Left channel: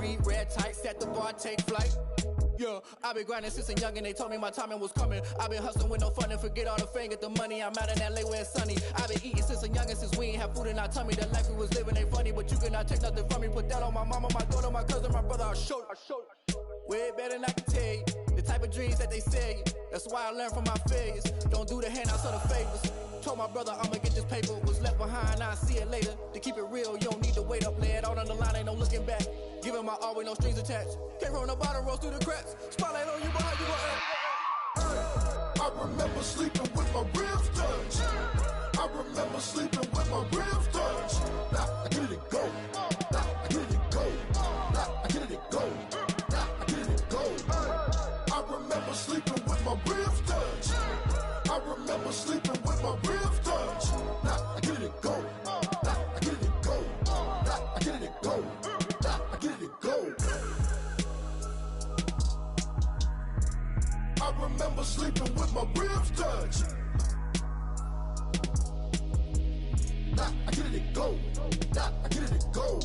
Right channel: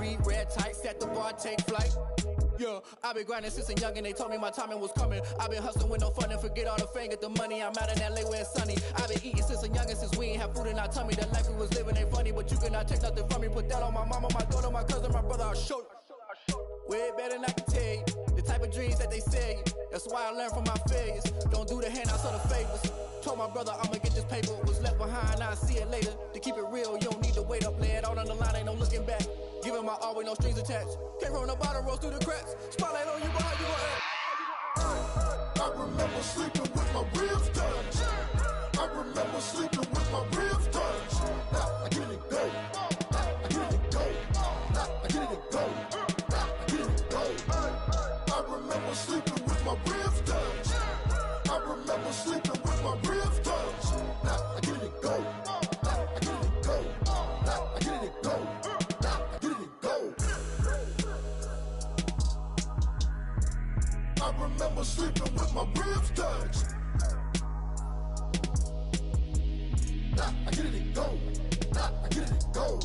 read red tight, set the bar, take flight. Yeah, I've been grinding since a young and they told me my timing was coming. I've been hustling with no fun and forget all the fame, get the money. I'm out in LA where it's sunny. I've been eating since a youngin', since we ain't have food in our tummy. The life we was living ain't funny, but you cannot take nothing from me. Put that on my mama, my daughter, my cousin, my brother, I'll show you. Way better than I can tell you. The type of dreams that they sell you. That's why I learned from my failures. Don't do the handouts or the favors. Told my brother I'ma get this paper. Was left behind, I'll see it later. To keep it real, you don't need to wait up. Lay it out on the line, ain't no looking back. Giving my all with no strings attached. Came from the bottom, rose through the cracks. Spotlight on you, but how you gon' act? I remember sleeping with my ribs touched. I remember sleeping with my ribs touched. Now I get it go. I get it go. I get it go. I get it go. I remember sleeping with my ribs touched. I remember sleeping with my ribs touched. Now I get it go. I get it go. I get it go. I get it go. I remember sleeping with my ribs touched. I get it go. I get it go.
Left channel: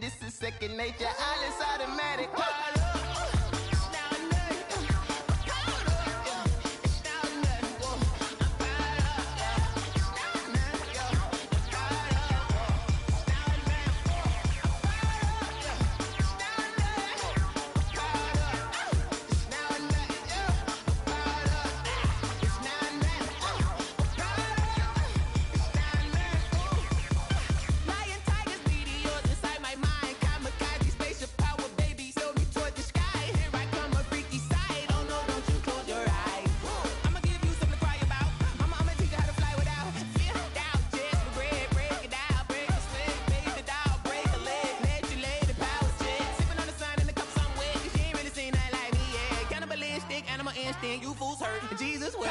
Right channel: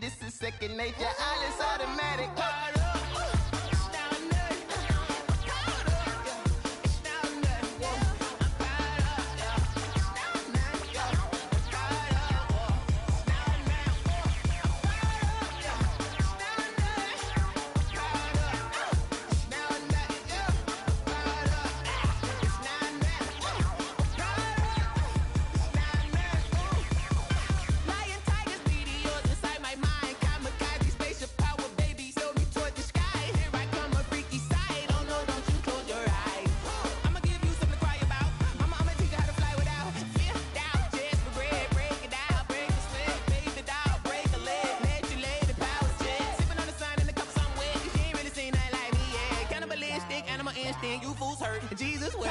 This is second nature, all is automatic. You fools hurt, Jesus will.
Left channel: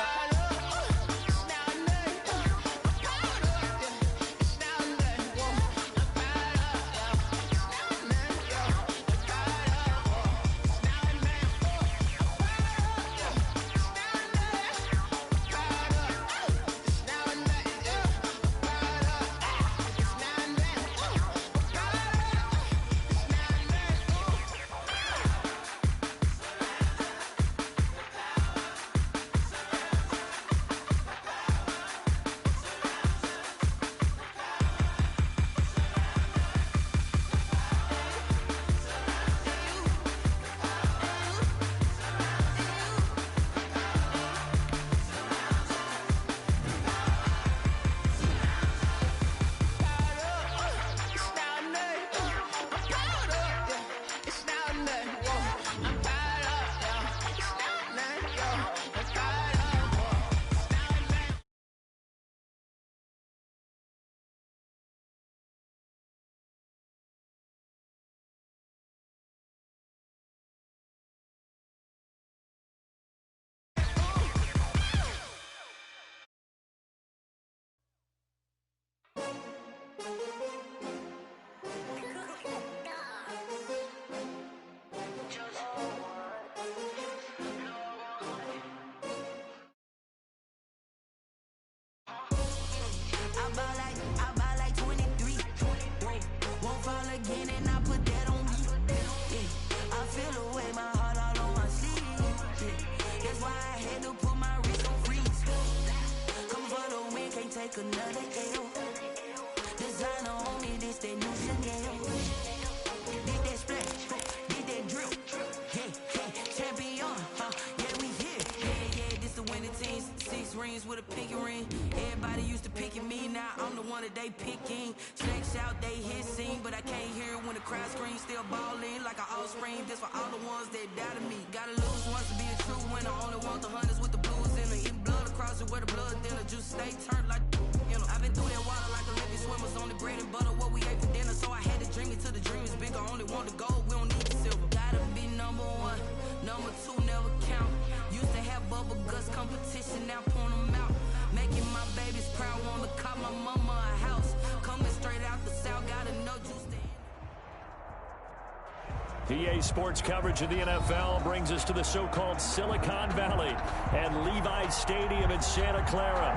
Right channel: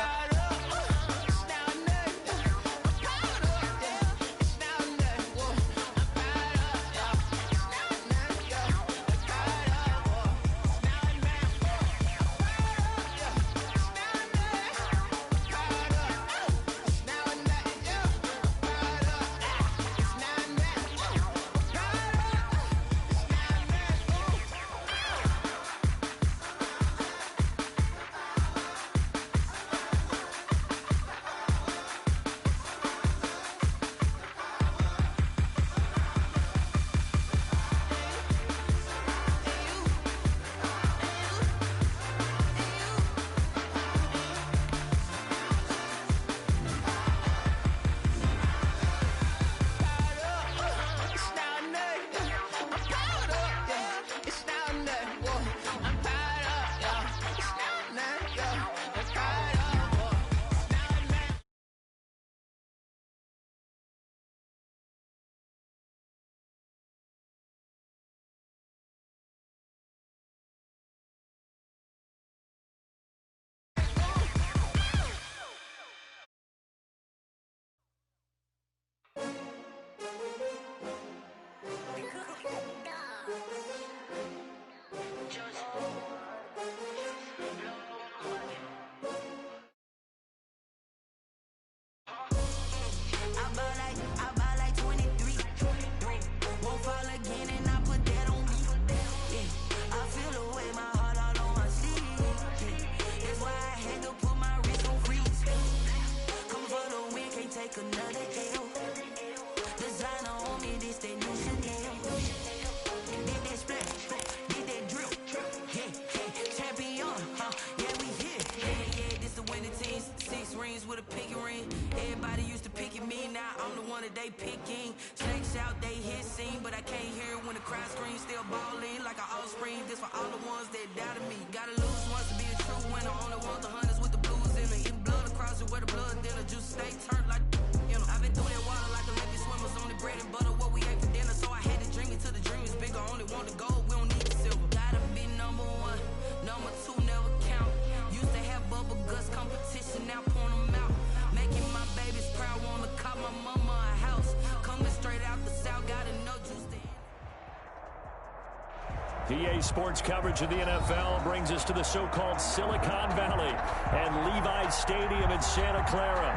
I buy like 23. Won't fall again and I put that on me. Yeah, I feel away my heart all on my sleeve. Yeah, that's why I had to put my wrist on freeze. Coming for the win, can't take another L. Designer on me, this that new Chanel. Did that splash, did that drip. Yeah, champion, huh? Yeah, we here. Yeah, this the winning team. 6 rings with a pinky ring. Everybody used to pick at me. now I'm the one that they picking. Snakes out, they hissing, but I can't hear when the crowd screams. Still balling like an offspring. This for all the ones that doubted me. Gotta lose once to be a true winner. Only want the hunters with the blues in it. Eating blood across it where the blood thinner. Juice stay turned like, you know. I've been through that water like Olympic swimmers. Only bread and butter, what we ate for dinner. So I had to dream it till the dream is bigger. Only want the gold, we don't need the silver. Gotta be number one, number two never count. Used to have bubble guts competition, now point them out. Making my babies proud, wanna cop my mama a house. Coming straight out the south, gotta know juice to PA Sports coverage of the NFL brings us to the so-called Silicon Valley and Levi's Stadium in Santa Clara.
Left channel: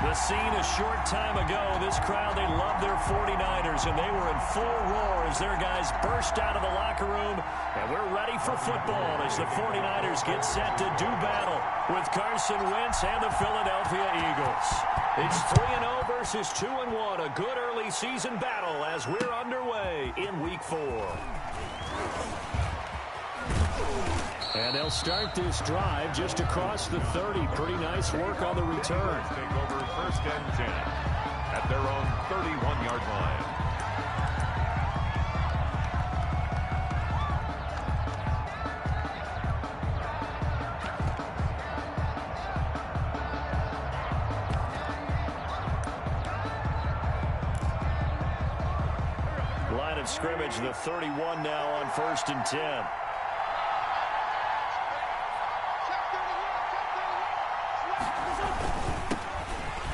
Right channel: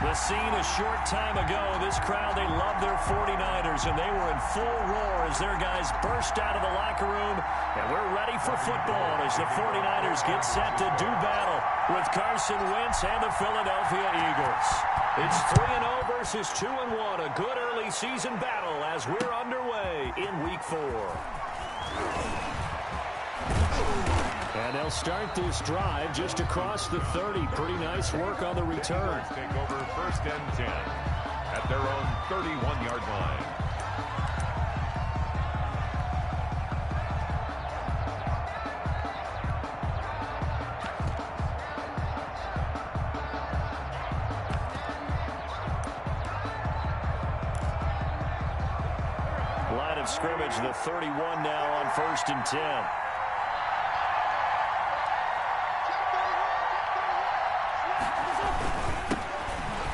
The scene a short time ago, this crowd, they love their 49ers, and they were in full roar as their guys burst out of the locker room, and we're ready for football as the 49ers get set to do battle with Carson Wentz and the Philadelphia Eagles. It's 3-0 versus 2-1, a good early season battle as we're underway in Week 4. And they'll start this drive just across the 30. Pretty nice work on the return. Take over 1st and 10 at their own 31-yard line. Line of scrimmage, the 31 now on 1st and 10.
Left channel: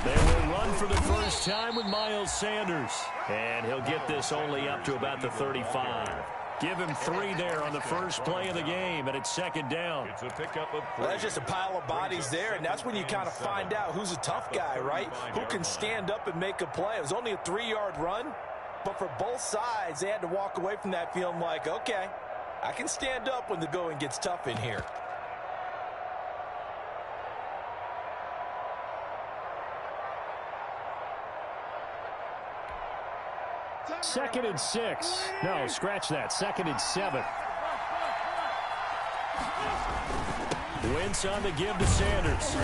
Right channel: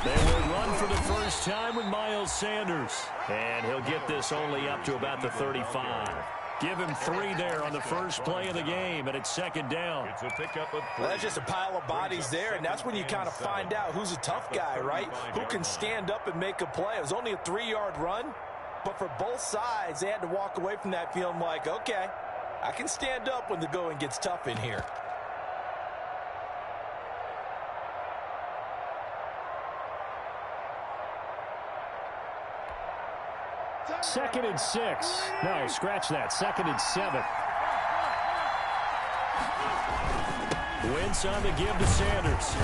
They will run for the first time with Miles Sanders. And he'll get this only up to about the 35. Give him 3 there on the first play of the game, and it's 2nd down. It's a pickup of 3. Well, that's just a pile of bodies there, and that's when you kind of find out who's a tough guy, right? Who can stand up and make a play. It was only a 3-yard run, but for both sides, they had to walk away from that feeling like, okay, I can stand up when the going gets tough in here. 2nd and 6. No, scratch that. 2nd and 7. Wentz on the give to Sanders.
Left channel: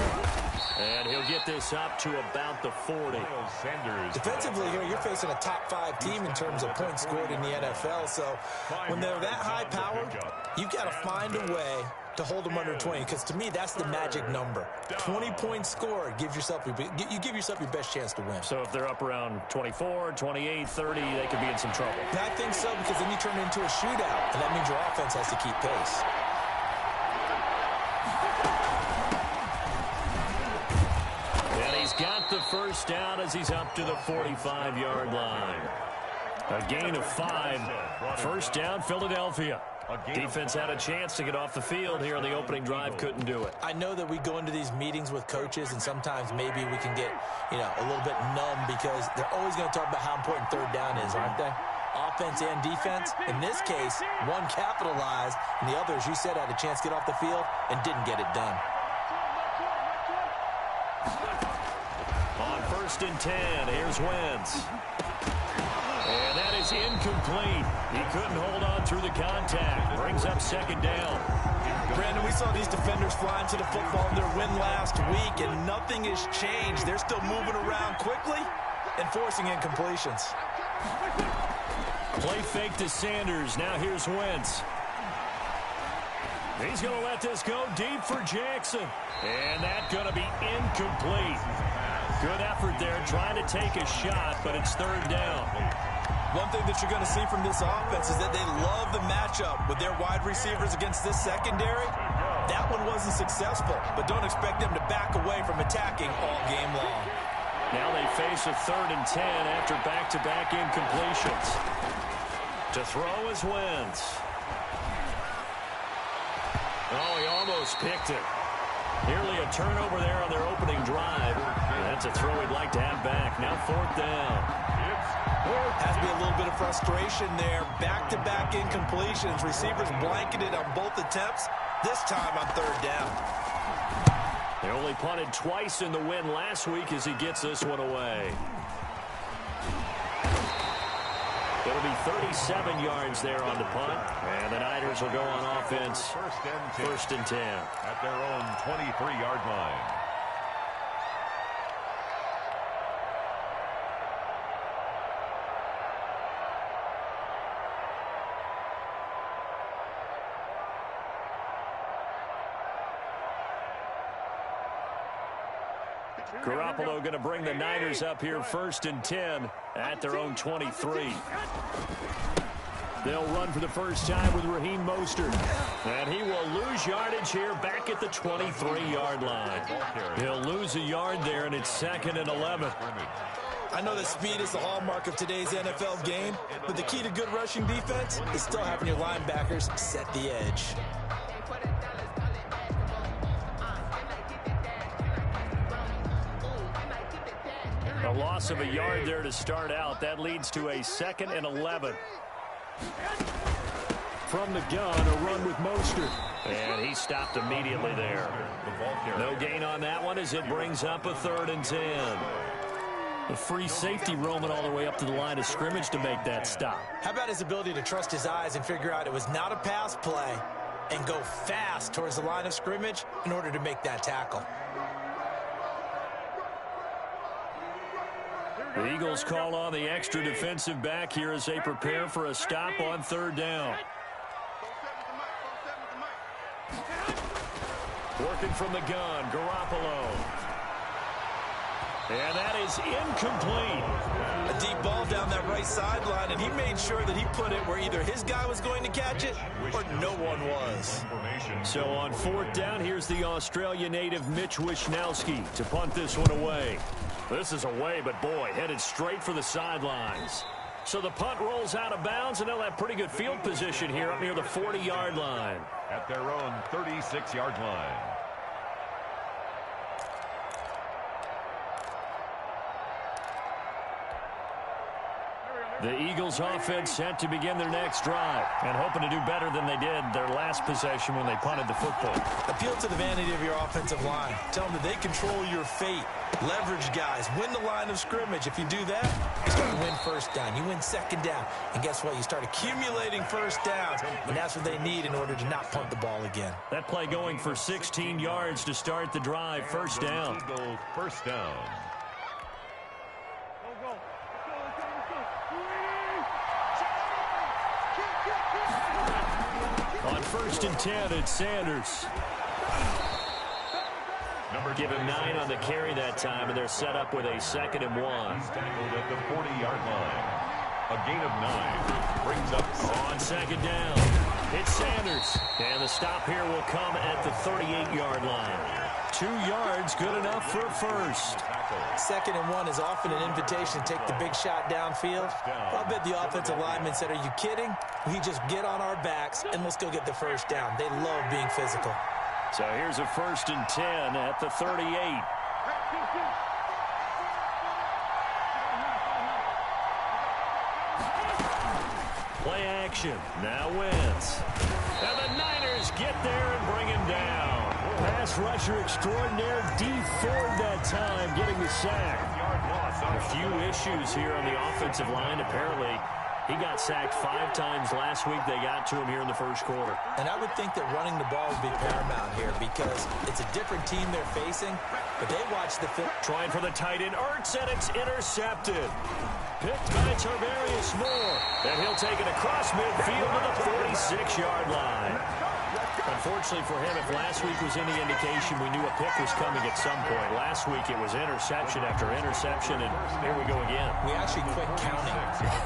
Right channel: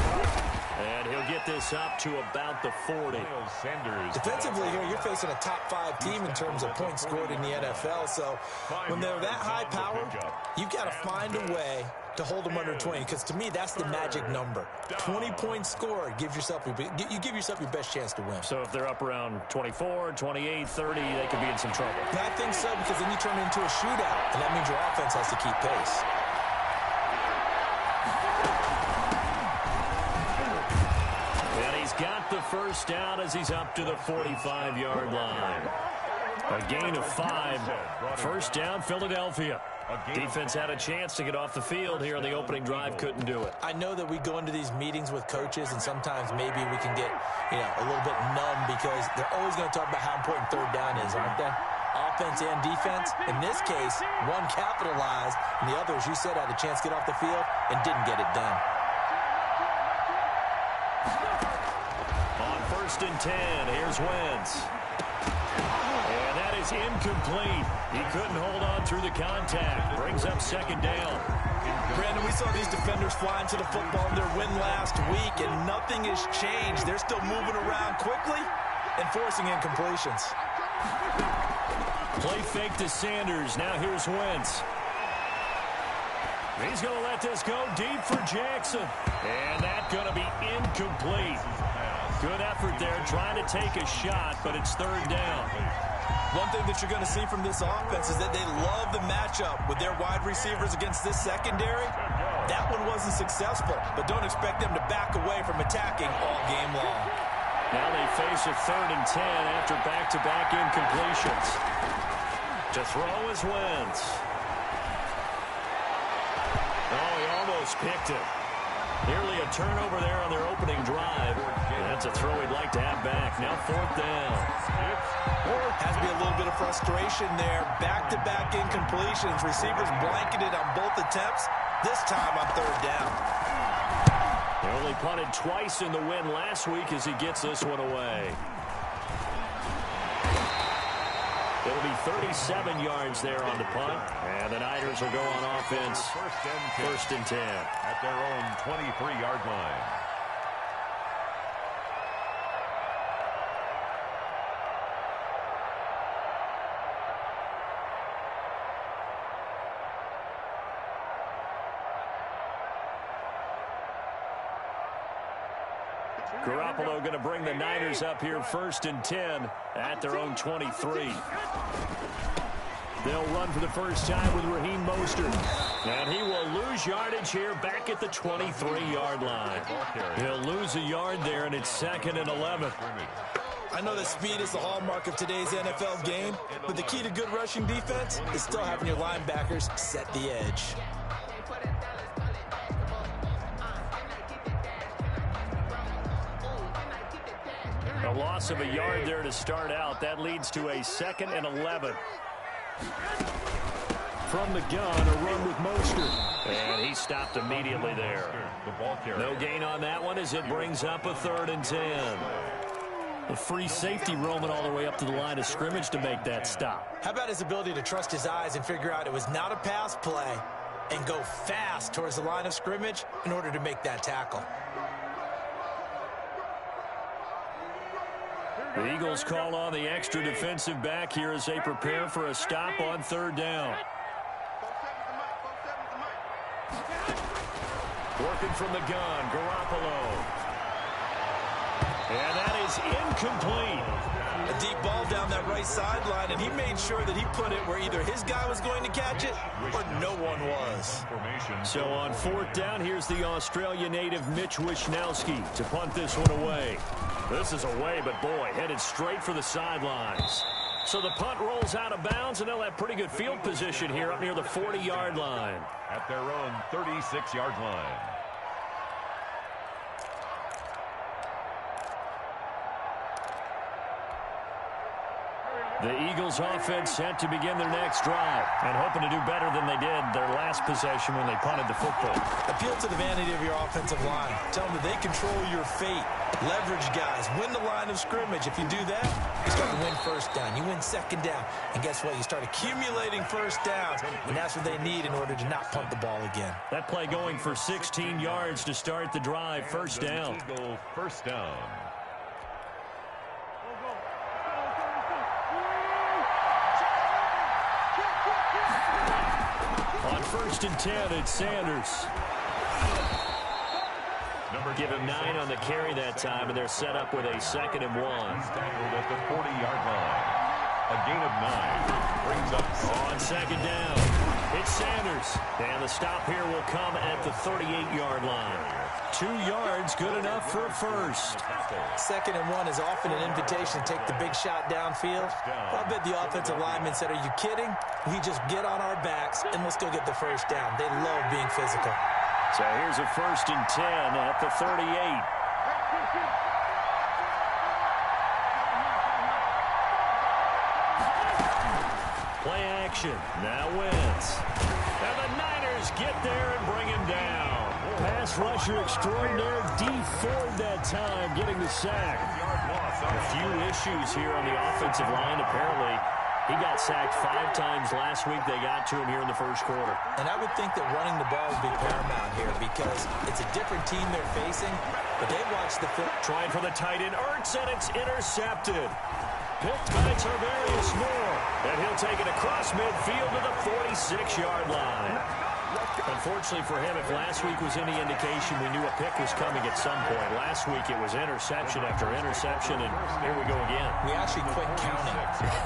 And he'll get this up to about the 40. Defensively here, you're facing a top 5 team in terms of points scored in the NFL. So when they're that high powered, you've got to find a way to hold them under 20, because to me that's the magic number. 20 points scored, you give yourself your best chance to win. So if they're up around 24, 28, 30, they could be in some trouble. I think so, because then you turn it into a shootout, and that means your offense has to keep pace. And he's got the first down as he's up to the 45-yard line. A gain of 5. First down, Philadelphia. Defense had a chance to get off the field here on the opening drive, couldn't do it. I know that we go into these meetings with coaches, and sometimes maybe we can get, a little bit numb, because they're always going to talk about how important 3rd down is, aren't they? Offense and defense. In this case, one capitalized, and the other, as you said, had a chance to get off the field and didn't get it done. On 1st and 10, here's Wentz. And that is incomplete. He couldn't hold on through the contact. Brings up 2nd down. Brandon, we saw these defenders flying to the football in their win last week, and nothing has changed. They're still moving around quickly and forcing incompletions. Play fake to Sanders. Now here's Wentz. He's going to let this go deep for Jackson. And that's going to be incomplete. Good effort there, trying to take a shot, but it's 3rd down. One thing that you're going to see from this offense is that they love the matchup with their wide receivers against this secondary. That one wasn't successful, but don't expect them to back away from attacking all game long. Now they face a 3rd and 10 after back-to-back incompletions. To throw is Wentz. Oh, he almost picked it. Nearly a turnover there on their opening drive. That's a throw he'd like to have back. Now 4th down. Has to be a little bit of frustration there. Back-to-back incompletions. Receivers blanketed on both attempts. This time on 3rd down. They only punted twice in the win last week as he gets this one away. It'll be 37 yards there on the punt. And the Niners will go on offense. 1st and 10. At their own 23-yard line. Garoppolo going to bring the Niners up here 1st and 10 at their own 23. They'll run for the first time with Raheem Mostert. And he will lose yardage here back at the 23-yard line. He'll lose a yard there, and it's 2nd and 11. I know that speed is the hallmark of today's NFL game, but the key to good rushing defense is still having your linebackers set the edge. A loss of a yard there to start out. That leads to a 2nd and 11. From the gun, a run with Mostert. And he stopped immediately there. No gain on that one as it brings up a 3rd and 10. The free safety roaming all the way up to the line of scrimmage to make that stop. How about his ability to trust his eyes and figure out it was not a pass play and go fast towards the line of scrimmage in order to make that tackle. The Eagles call on the extra defensive back here as they prepare for a stop on 3rd down. Working from the gun, Garoppolo. And that is incomplete. A deep ball down that right sideline, and he made sure that he put it where either his guy was going to catch it or no one was. So on 4th down, here's the Australia native Mitch Wishnowsky to punt this one away. This is away, but boy, headed straight for the sidelines. So the punt rolls out of bounds, and they'll have pretty good field position here up near the 40-yard line. At their own 36-yard line. The Eagles offense set to begin their next drive and hoping to do better than they did their last possession when they punted the football. Appeal to the vanity of your offensive line. Tell them that they control your fate. Leverage guys. Win the line of scrimmage. If you do that, you start to win 1st down. You win 2nd down. And guess what? You start accumulating 1st downs. And that's what they need in order to not punt the ball again. That play going for 16 yards to start the drive. 1st down. Eagle 1st down. On 1st and 10, it's Sanders. Give him 9 on the carry that time, and they're set up with a 2nd and 1. He's tackled at the 40-yard line. A gain of 9 brings up on 2nd down. It's Sanders, and the stop here will come at the 38-yard line. 2 yards, good enough for a first. 2nd and 1 is often an invitation to take the big shot downfield. I bet the offensive lineman said, "Are you kidding? We just get on our backs and let's go get the first down." They love being physical. So here's a 1st and 10 at the 38. Play action. Now Wentz. And the Niners get there and bring him down. Pass rusher extraordinaire, D. Ford that time, getting the sack. A few issues here on the offensive line. Apparently, he got sacked 5 times last week. They got to him here in the 1st quarter. And I would think that running the ball would be paramount here because it's a different team they're facing, but they watch the film. Trying for the tight end, Ertz, and it's intercepted. Picked by Tarvarius Moore. And he'll take it across midfield to the 46-yard line. Unfortunately for him, if last week was any indication, we knew a pick was coming at some point. Last week it was interception after interception, and here we go again. We actually quit counting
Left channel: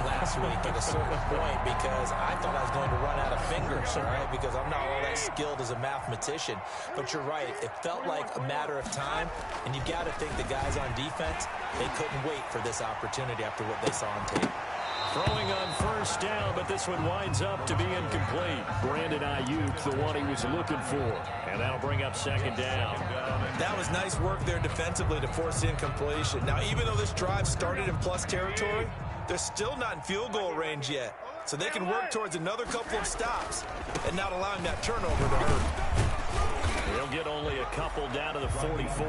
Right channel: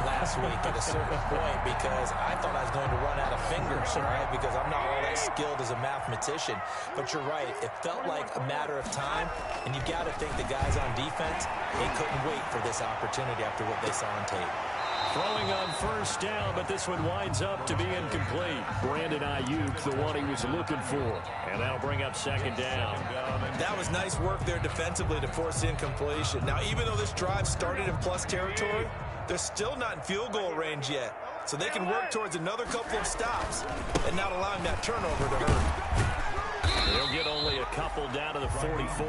last week at a certain point because I thought I was going to run out of fingers, right? Because I'm not all that skilled as a mathematician. But you're right. It felt like a matter of time, and you've got to think the guys on defense, they couldn't wait for this opportunity after what they saw on tape. Throwing on 1st down, but this one winds up to be incomplete. Brandon Ayuk, the one he was looking for. And that'll bring up 2nd down. That was nice work there defensively to force incompletion. Now, even though this drive started in plus territory, they're still not in field goal range yet. So they can work towards another couple of stops and not allowing that turnover to hurt. They'll get only a couple down to the 44.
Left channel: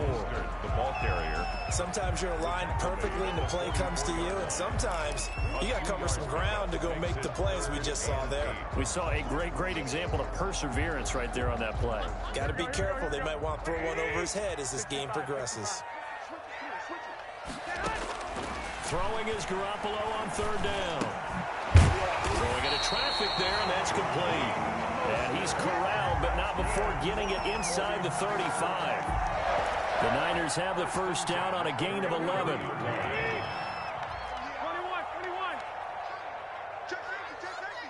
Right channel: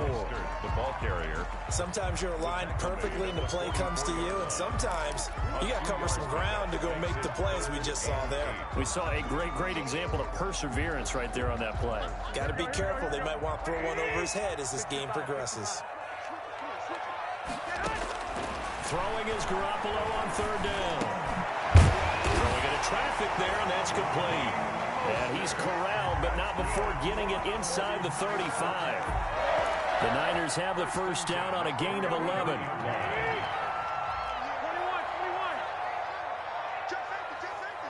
The ball carrier. Sometimes you're aligned perfectly and the play comes to you, and sometimes you got to cover some ground to go make the plays we just saw there. We saw a great example of perseverance right there on that play. Got to be careful. They might want to throw one over his head as this game progresses. Throwing is Garoppolo on 3rd down. Throwing into traffic there, and that's complete. And he's corralled, but not before getting it inside the 35. The Niners have the first down on a gain of 11. 21. Check safety.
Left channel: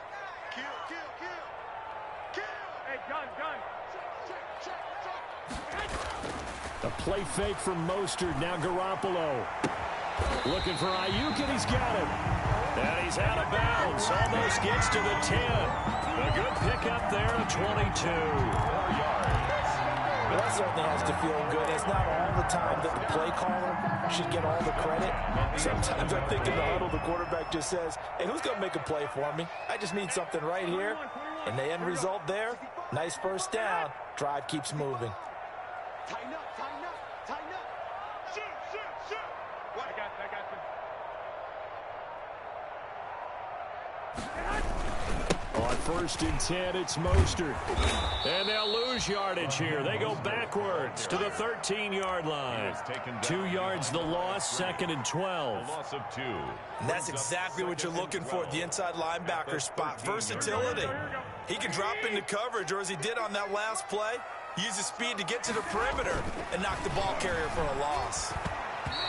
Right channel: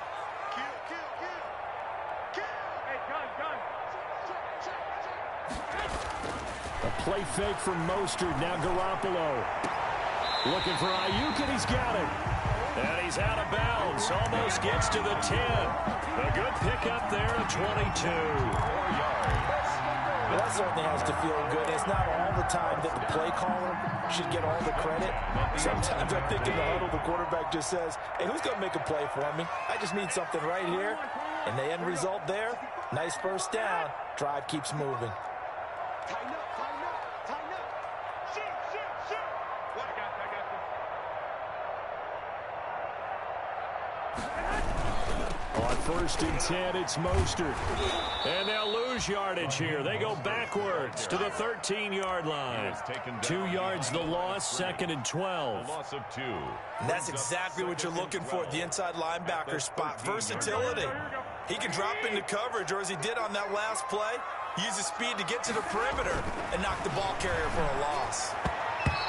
Kill. Hey, gun. Check. A play fake for Mostert. Now Garoppolo. Looking for Ayuk, and he's got it. And he's out of bounds. Almost gets to the 10. A good pickup there of 22. 4 yards. Well, that certainly has to feel good. It's not all the time that the play caller should get all the credit. Sometimes I think in the huddle, the quarterback just says, hey, who's going to make a play for me? I just need something right here. And the end result there, nice first down. Drive keeps moving. Tighten up. Shoot. What? I got you. On 1st and 10, it's Mostert. And they'll lose yardage here. They go backwards to the 13-yard line. 2 yards the loss, 2nd and 12. Loss of 2. And that's exactly what you're looking for at the inside linebacker spot. Versatility. He can drop into coverage, or as he did on that last play, use his speed to get to the perimeter and knock the ball carrier for a loss.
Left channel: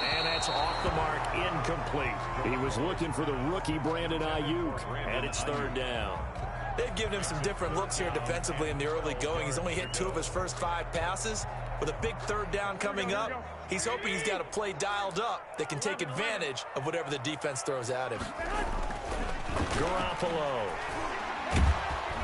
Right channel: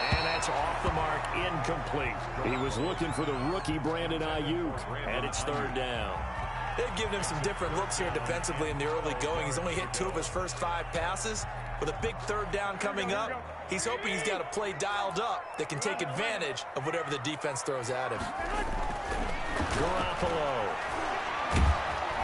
And that's off the mark, incomplete. He was looking for the rookie Brandon Ayuk, and it's 3rd down. They've given him some different looks here defensively in the early going. He's only hit 2 of his first 5 passes. With a big 3rd down coming up, he's hoping he's got a play dialed up that can take advantage of whatever the defense throws at him. Garoppolo.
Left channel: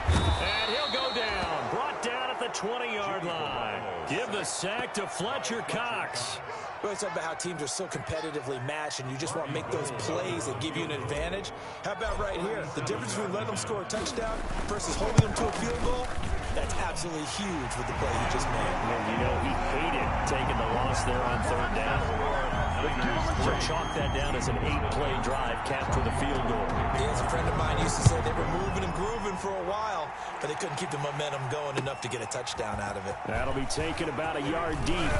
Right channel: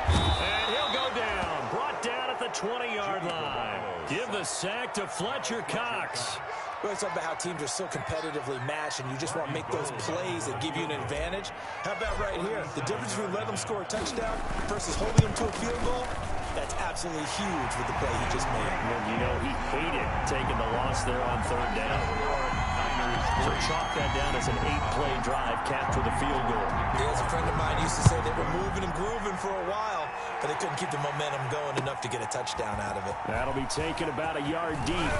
And he'll go down. Brought down at the 20-yard line. Give the sack to Fletcher Cox. We always talk about how teams are so competitively matched, and you just want to make those plays that give you an advantage. How about right here? The difference between letting them score a touchdown versus holding them to a field goal, that's absolutely huge with the play he just made. And you know he hated taking the loss there on 3rd down. So chalk that down as an 8-play drive capped with a field goal. Yeah, as a friend of mine used to say, they were moving and grooving for a while, but they couldn't keep the momentum going enough to get a touchdown out of it. That'll be taken about a yard deep.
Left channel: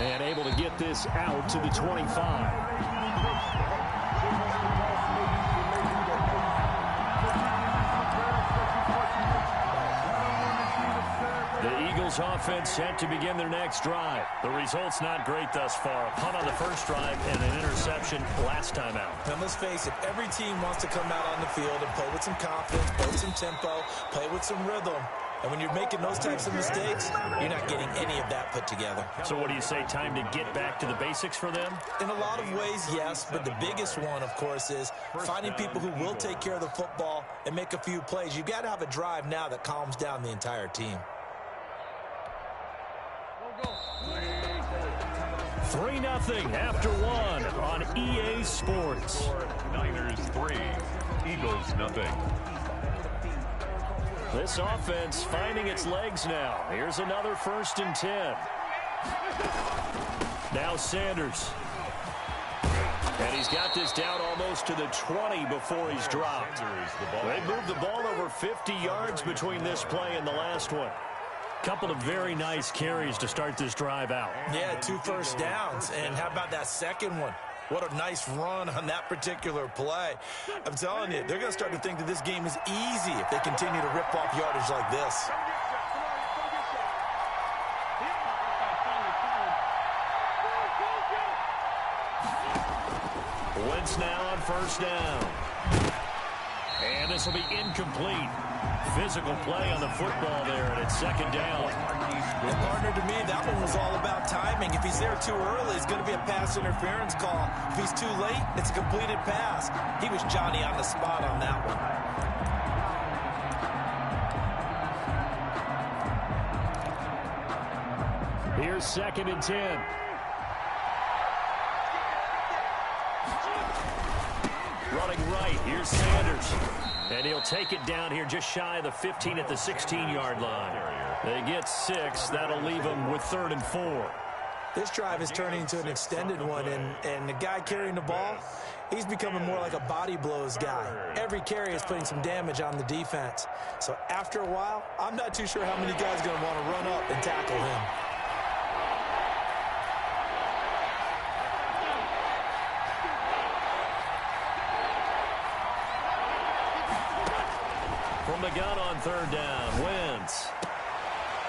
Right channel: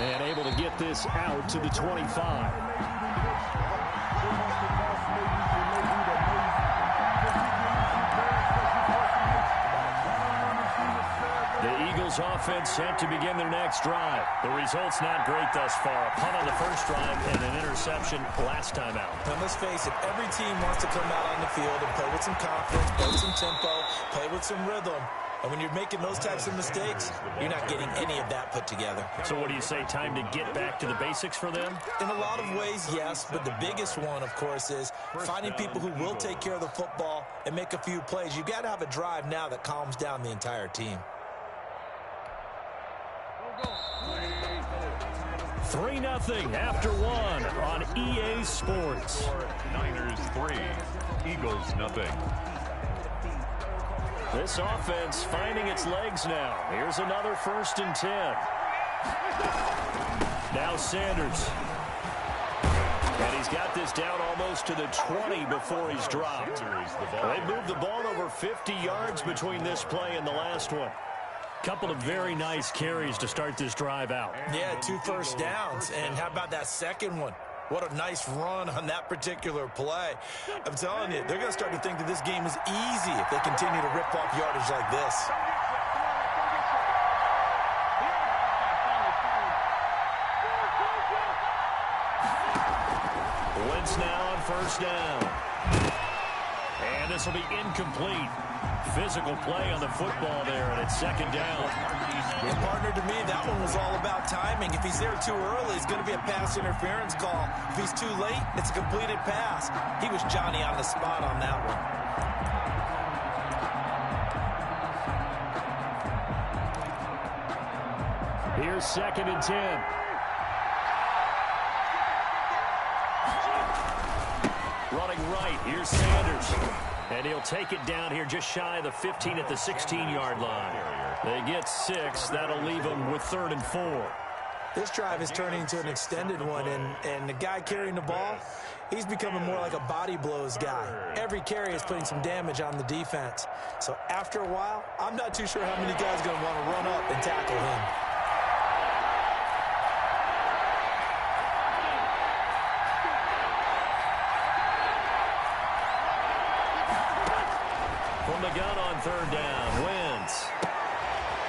And able to get this out to the 25. The Eagles offense set to begin their next drive. The result's not great thus far. A punt on the first drive and an interception last time out. And let's face it, every team wants to come out on the field and play with some confidence, play with some tempo, play with some rhythm. And when you're making those types of mistakes, you're not getting any of that put together. So what do you say, time to get back to the basics for them? In a lot of ways, yes, but the biggest one, of course, is finding people who will take care of the football and make a few plays. You've got to have a drive now that calms down the entire team. 3-0 after 1 on EA Sports. Niners 3, Eagles 0. This offense finding its legs now. Here's another 1st and 10. Now Sanders. And he's got this down almost to the 20 before he's dropped. They moved the ball over 50 yards between this play and the last one. Couple of very nice carries to start this drive out. Yeah, 2 first downs. And how about that second one? What a nice run on that particular play. I'm telling you, they're going to start to think that this game is easy if they continue to rip off yardage like this. Wentz now on 1st down. And this will be incomplete. Physical play on the football there, and it's 2nd down. And partner, to me, that one was all about timing. If he's there too early, it's going to be a pass interference call. If he's too late, it's a completed pass. He was Johnny on the spot on that one. Here's 2nd and 10. Running right, here's Sanders. And he'll take it down here just shy of the 15 at the 16-yard line. They get 6. That'll leave them with 3rd and 4. This drive is turning into an extended one, and the guy carrying the ball, he's becoming more like a body blows guy. Every carry is putting some damage on the defense. So after a while, I'm not too sure how many guys are going to want to run up and tackle him. From the gun on 3rd down, Wentz.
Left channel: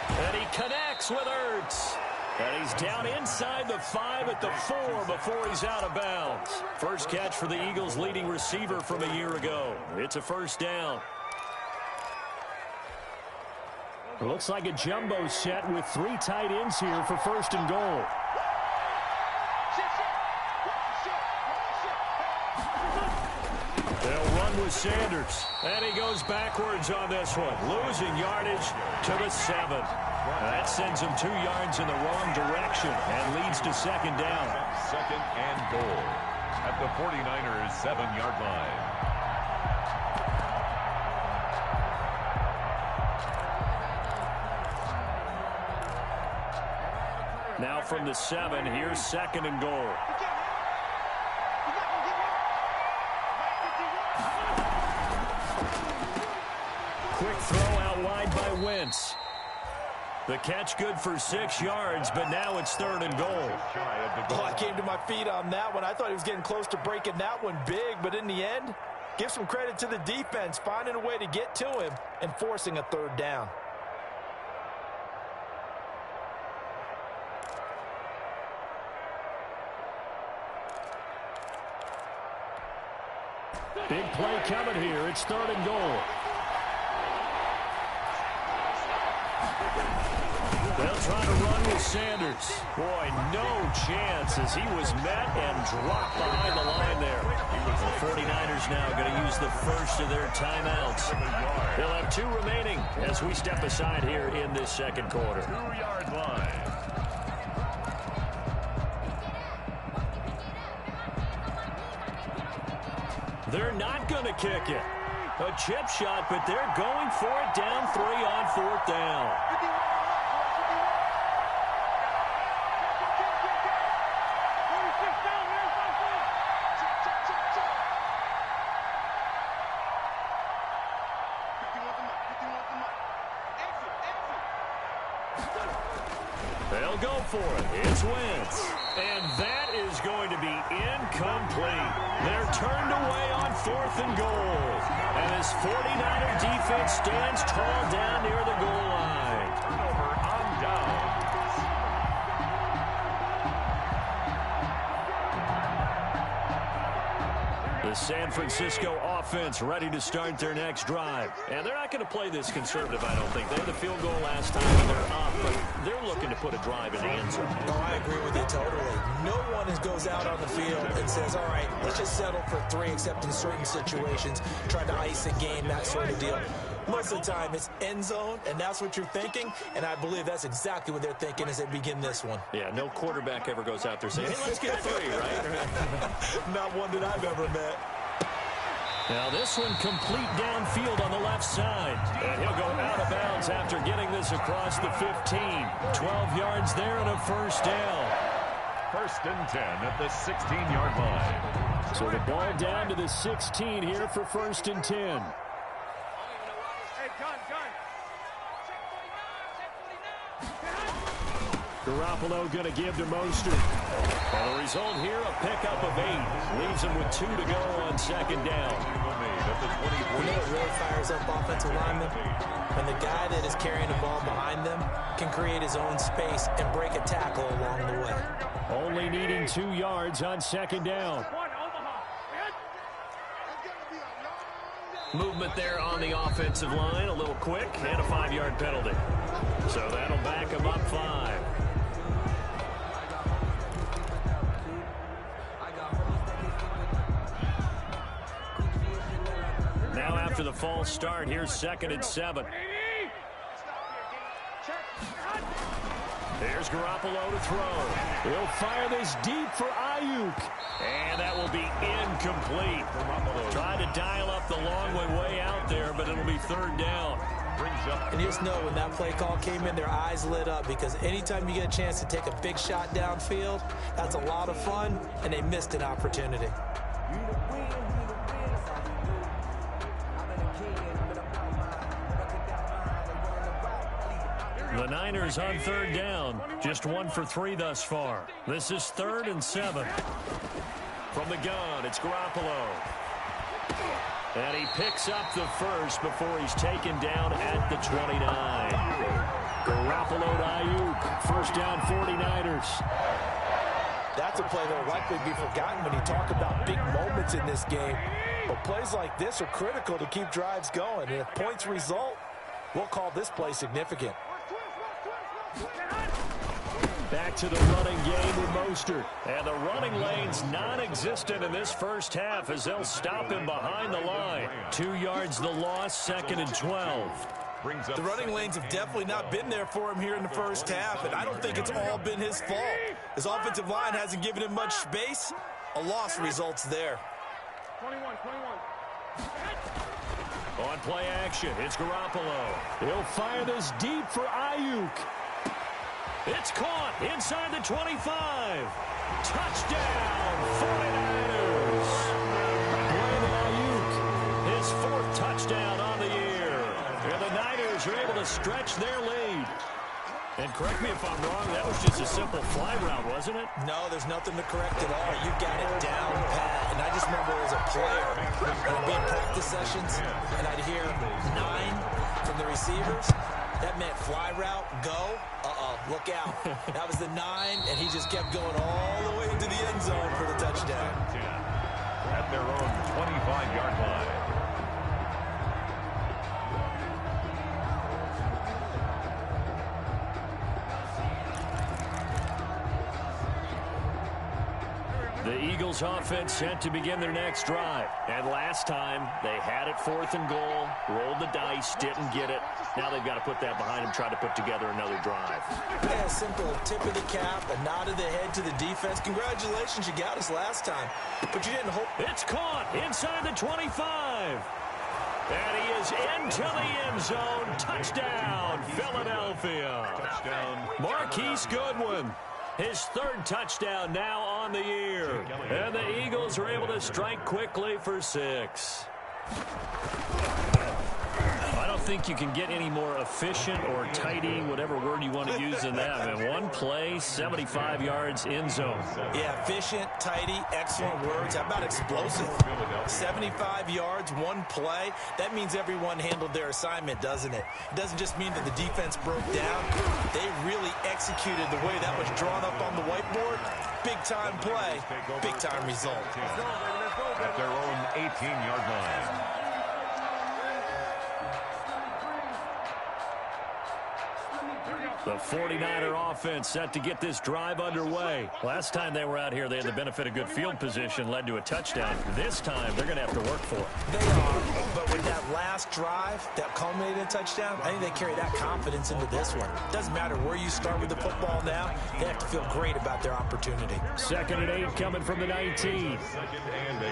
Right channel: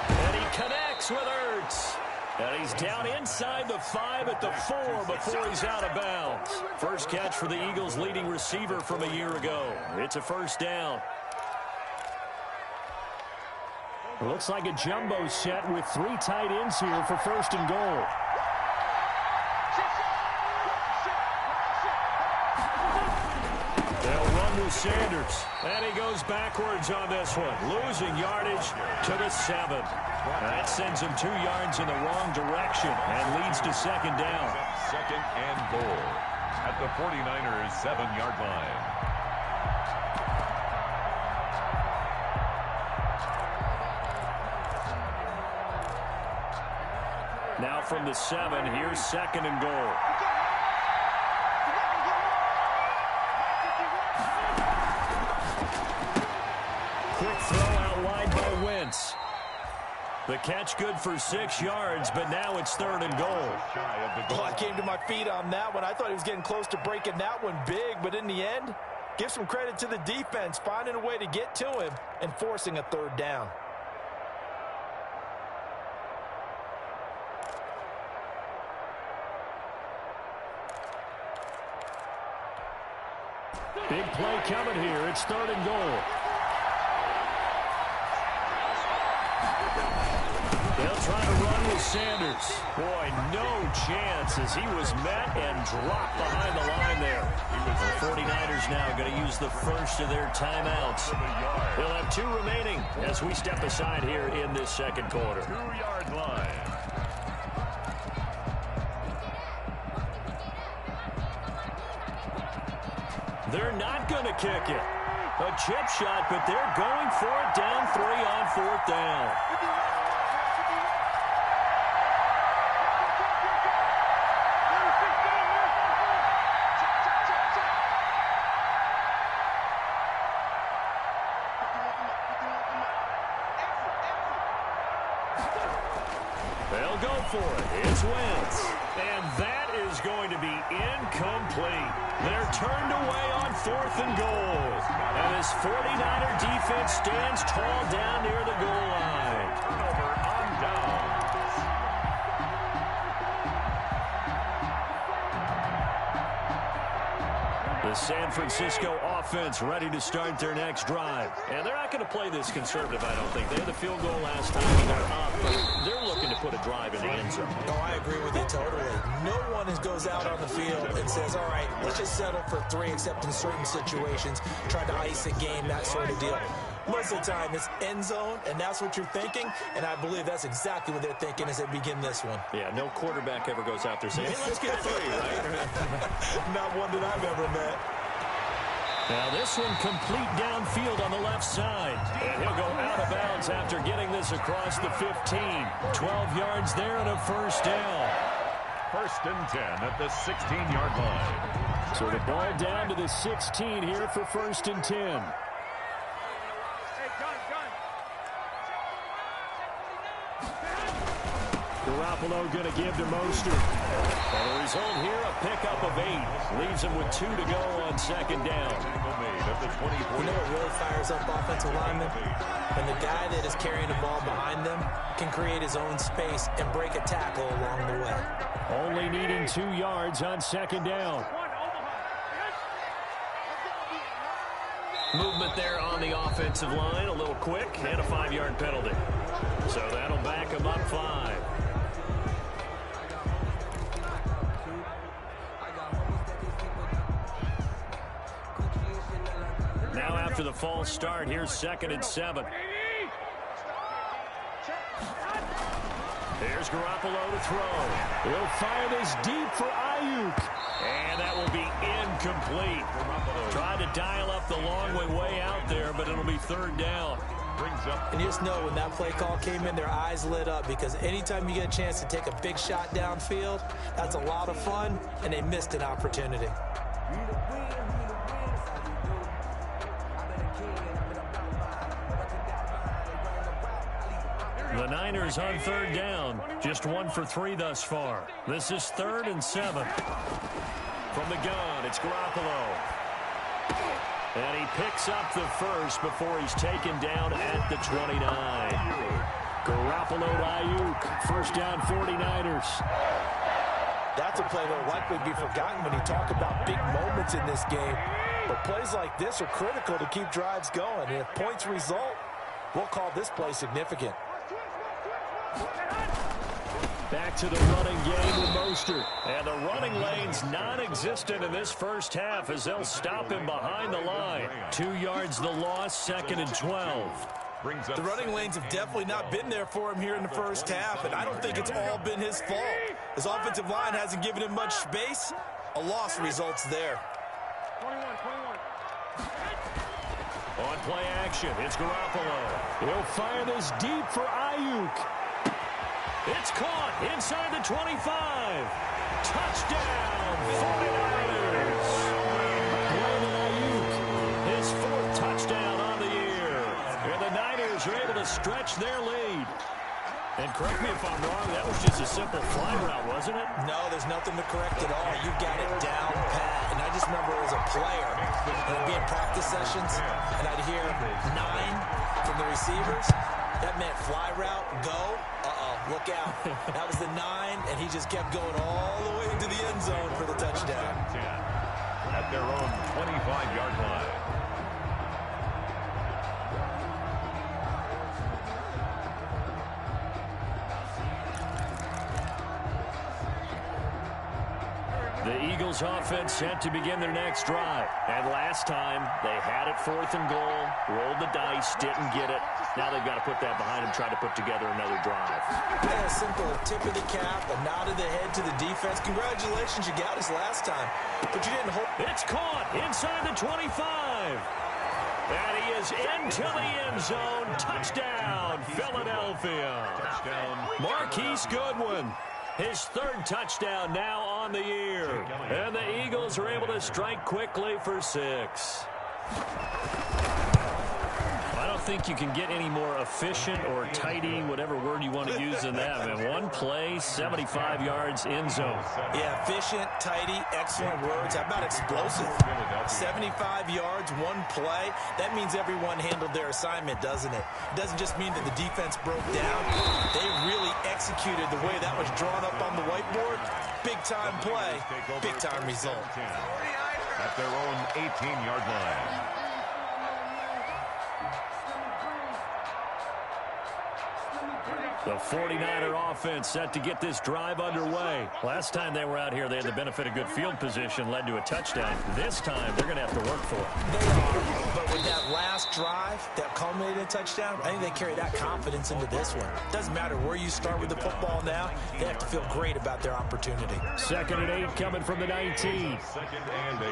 And he connects with Ertz. And he's down inside the 5 at the 4 before he's out of bounds. First catch for the Eagles' leading receiver from a year ago. It's a first down. It looks like a jumbo set with 3 tight ends here for first and goal. They'll run with Sanders. And he goes backwards on this one. Losing yardage to the 7. That sends him 2 yards in the wrong direction and leads to second down. Second and goal at the 49ers' 7-yard line. Now from the 7, here's second and goal. Quick throw out wide by Wentz. The catch good for 6 yards, but now it's third and goal. Oh, I came to my feet on that one. I thought he was getting close to breaking that one big, but in the end, give some credit to the defense, finding a way to get to him and forcing a third down. Big play coming here. It's third and goal. They'll try to run with Sanders. Boy, no chance as he was met and dropped behind the line there. The 49ers now going to use the first of their timeouts. They'll have 2 remaining as we step aside here in this second quarter. 2-yard line. They're not going to kick it. A chip shot, but they're going for it down 3 on 4th down. They'll go for it. It's Wentz. And that is going to be incomplete. They're turned away on 4th and goal. And this 49er defense stands tall down near the goal line. Turnover on downs. The San Francisco offense ready to start their next drive. And they're not going to play this conservative, I don't think. They had the field goal last time and they're up, but they're looking to put a drive in the end zone. Oh, I agree with you totally. No one goes out on the field and says, all right, let's just settle for 3, except in certain situations, trying to ice a game, that sort of deal. Most of the time, it's end zone, and that's what you're thinking, and I believe that's exactly what they're thinking as they begin this one. Yeah, no quarterback ever goes out there saying, hey, let's get 3, right? Not one that I've ever met. Now this one complete downfield on the left side. And he'll go out of bounds after getting this across the 15. 12 yards there and a first down. First and 10 at the 16-yard line. So the ball down to the 16 here for first and 10. Hey, gun. Garoppolo going to give to Mostert. And the result here, a pickup of 8. Leaves him with 2 to go on second down. You know what really fires up offensive linemen? When the guy that is carrying the ball behind them can create his own space and break a tackle along the way. Only needing 2 yards on second down. Movement there on the offensive line, a little quick, and a 5-yard penalty. So that'll back him up 5. Now after the false start, here's second and 7. Here's Garoppolo to throw. He'll fire this deep for Ayuk. And that will be incomplete. Tried to dial up the long way out there, but it'll be third down. And you just know when that play call came in, their eyes lit up, because anytime you get a chance to take a big shot downfield, that's a lot of fun, and they missed an opportunity. The Niners on third down. Just 1 for 3 thus far. This is 3rd and 7. From the gun, it's Garoppolo. And he picks up the first before he's taken down at the 29. Garoppolo to Ayuk. First down, 49ers. That's a play that will likely be forgotten when you talk about big moments in this game. But plays like this are critical to keep drives going. And if points result, we'll call this play significant. Back to the running game with Mostert. And the running lane's non-existent in this first half as they'll stop him behind the line. 2 yards the loss, 2nd and 12. The running lanes have definitely not been there for him here in the first half, and I don't think it's all been his fault. His offensive line hasn't given him much space. A loss results there. 21. On play action, it's Garoppolo. He'll fire this deep for Ayuk. It's caught inside the 25. Touchdown, 49ers. Brandon Ayuk, his 4th touchdown on the year. And the Niners are able to stretch their lead. And correct me if I'm wrong, that was just a simple fly route, wasn't it? No, there's nothing to correct at all. You've got it down pat. And I just remember as a player, when I'd be in practice sessions, and I'd hear 9 from the receivers. That meant fly route, go. Look out. That was the 9, and he just kept going all the way into the end zone for the touchdown. At their own 25-yard line. The Eagles offense set to begin their next drive. And last time, they had it 4th and goal, rolled the dice, didn't get it. Now they've got to put that behind them, try to put together another drive. Yeah, a simple tip of the cap, a nod of the head to the defense. Congratulations, you got us last time. But you didn't hope. It's caught inside the 25. And he is into the end zone. Touchdown, Philadelphia. Touchdown. Marquise Goodwin. His 3rd touchdown now on the year. And the Eagles are able to strike quickly for 6. I don't think you can get any more efficient or tidy, whatever word you want to use in that. I mean, 1 play, 75 yards, end zone. Yeah, efficient, tidy, excellent words. How about explosive? 75 yards, 1 play. That means everyone handled their assignment, doesn't it? It doesn't just mean that the defense broke down. They really executed the way that was drawn up on the whiteboard. Big-time play, big-time result. At their own 18-yard line. The 49er offense set to get this drive underway. Last time they were out here, they had the benefit of good field position, led to a touchdown. This time, they're going to have to work for it. They are, but with that last drive that culminated in a touchdown, I think they carry that confidence into this one. Doesn't matter where you start with the football now, they have to feel great about their opportunity. 2nd and 8 coming from the 19. 2nd and 8.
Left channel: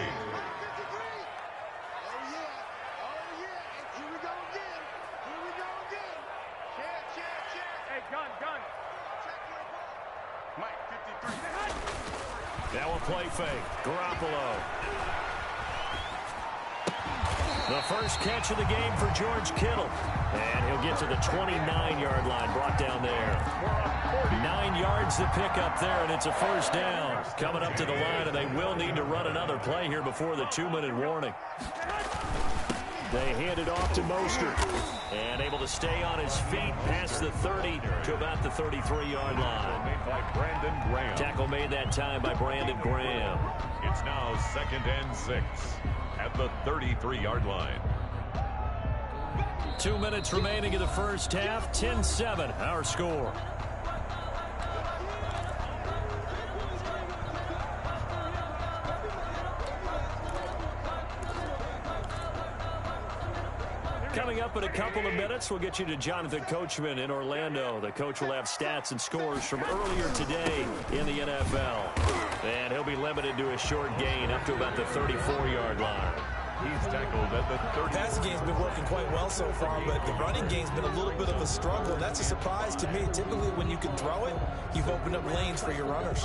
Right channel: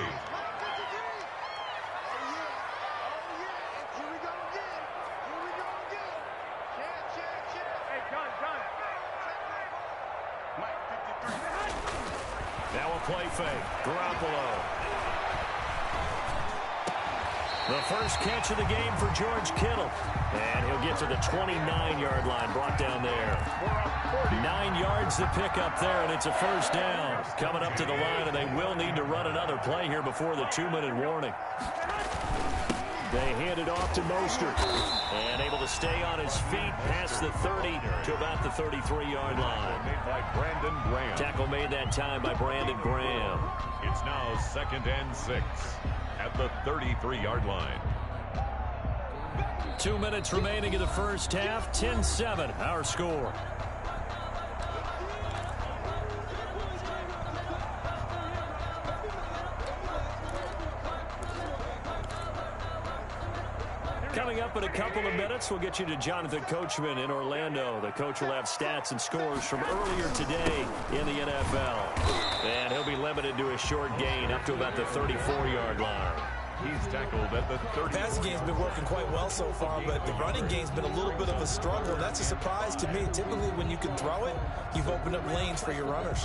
Now a play fake. Garoppolo. The first catch of the game for George Kittle. And he'll get to the 29-yard line, brought down there. 9 yards to pick up there, and it's a first down. Coming up to the line, and they will need to run another play here before the 2-minute warning. They hand it off to Mostert. And able to stay on his feet past the 30 to about the 33-yard line. Made by Brandon Graham. Tackle made that time by Brandon Graham. It's now 2nd and 6 at the 33-yard line. 2 minutes remaining in the first half. 10-7, our score. Coming up in a couple of minutes, we'll get you to Jonathan Coachman in Orlando. The coach will have stats and scores from earlier today in the NFL. And he'll be limited to a short gain up to about the 34-yard line. He's tackled at the 30. The passing game's been working quite well so far, but the running game's been a little bit of a struggle, and that's a surprise to me. Typically, when you can throw it, you've opened up lanes for your runners.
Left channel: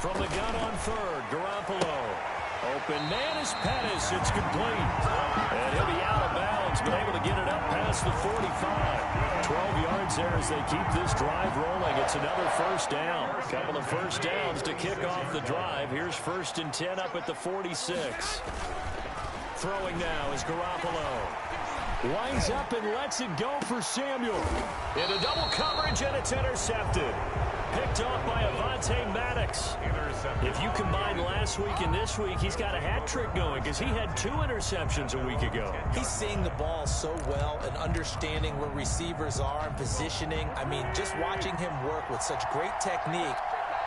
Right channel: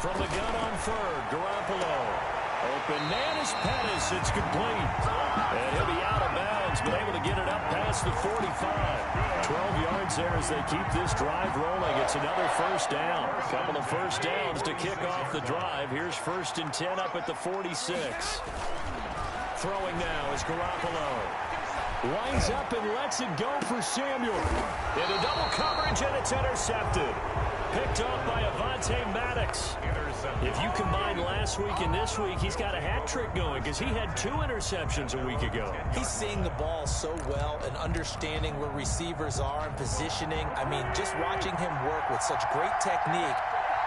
From the gun on 3rd, Garoppolo. Open man is Pettis. It's complete. And he'll be out of bounds, but able to get it up past the 45. 12 yards there as they keep this drive rolling. It's another first down. A couple of first downs to kick off the drive. Here's 1st and 10 up at the 46. Throwing now is Garoppolo. Winds up and lets it go for Samuel. Into double coverage, and it's intercepted. Picked off by Avonte Maddox. If you combine last week and this week, he's got a hat trick going because he had 2 interceptions a week ago. He's seeing the ball so well and understanding where receivers are and positioning. I mean, just watching him work with such great technique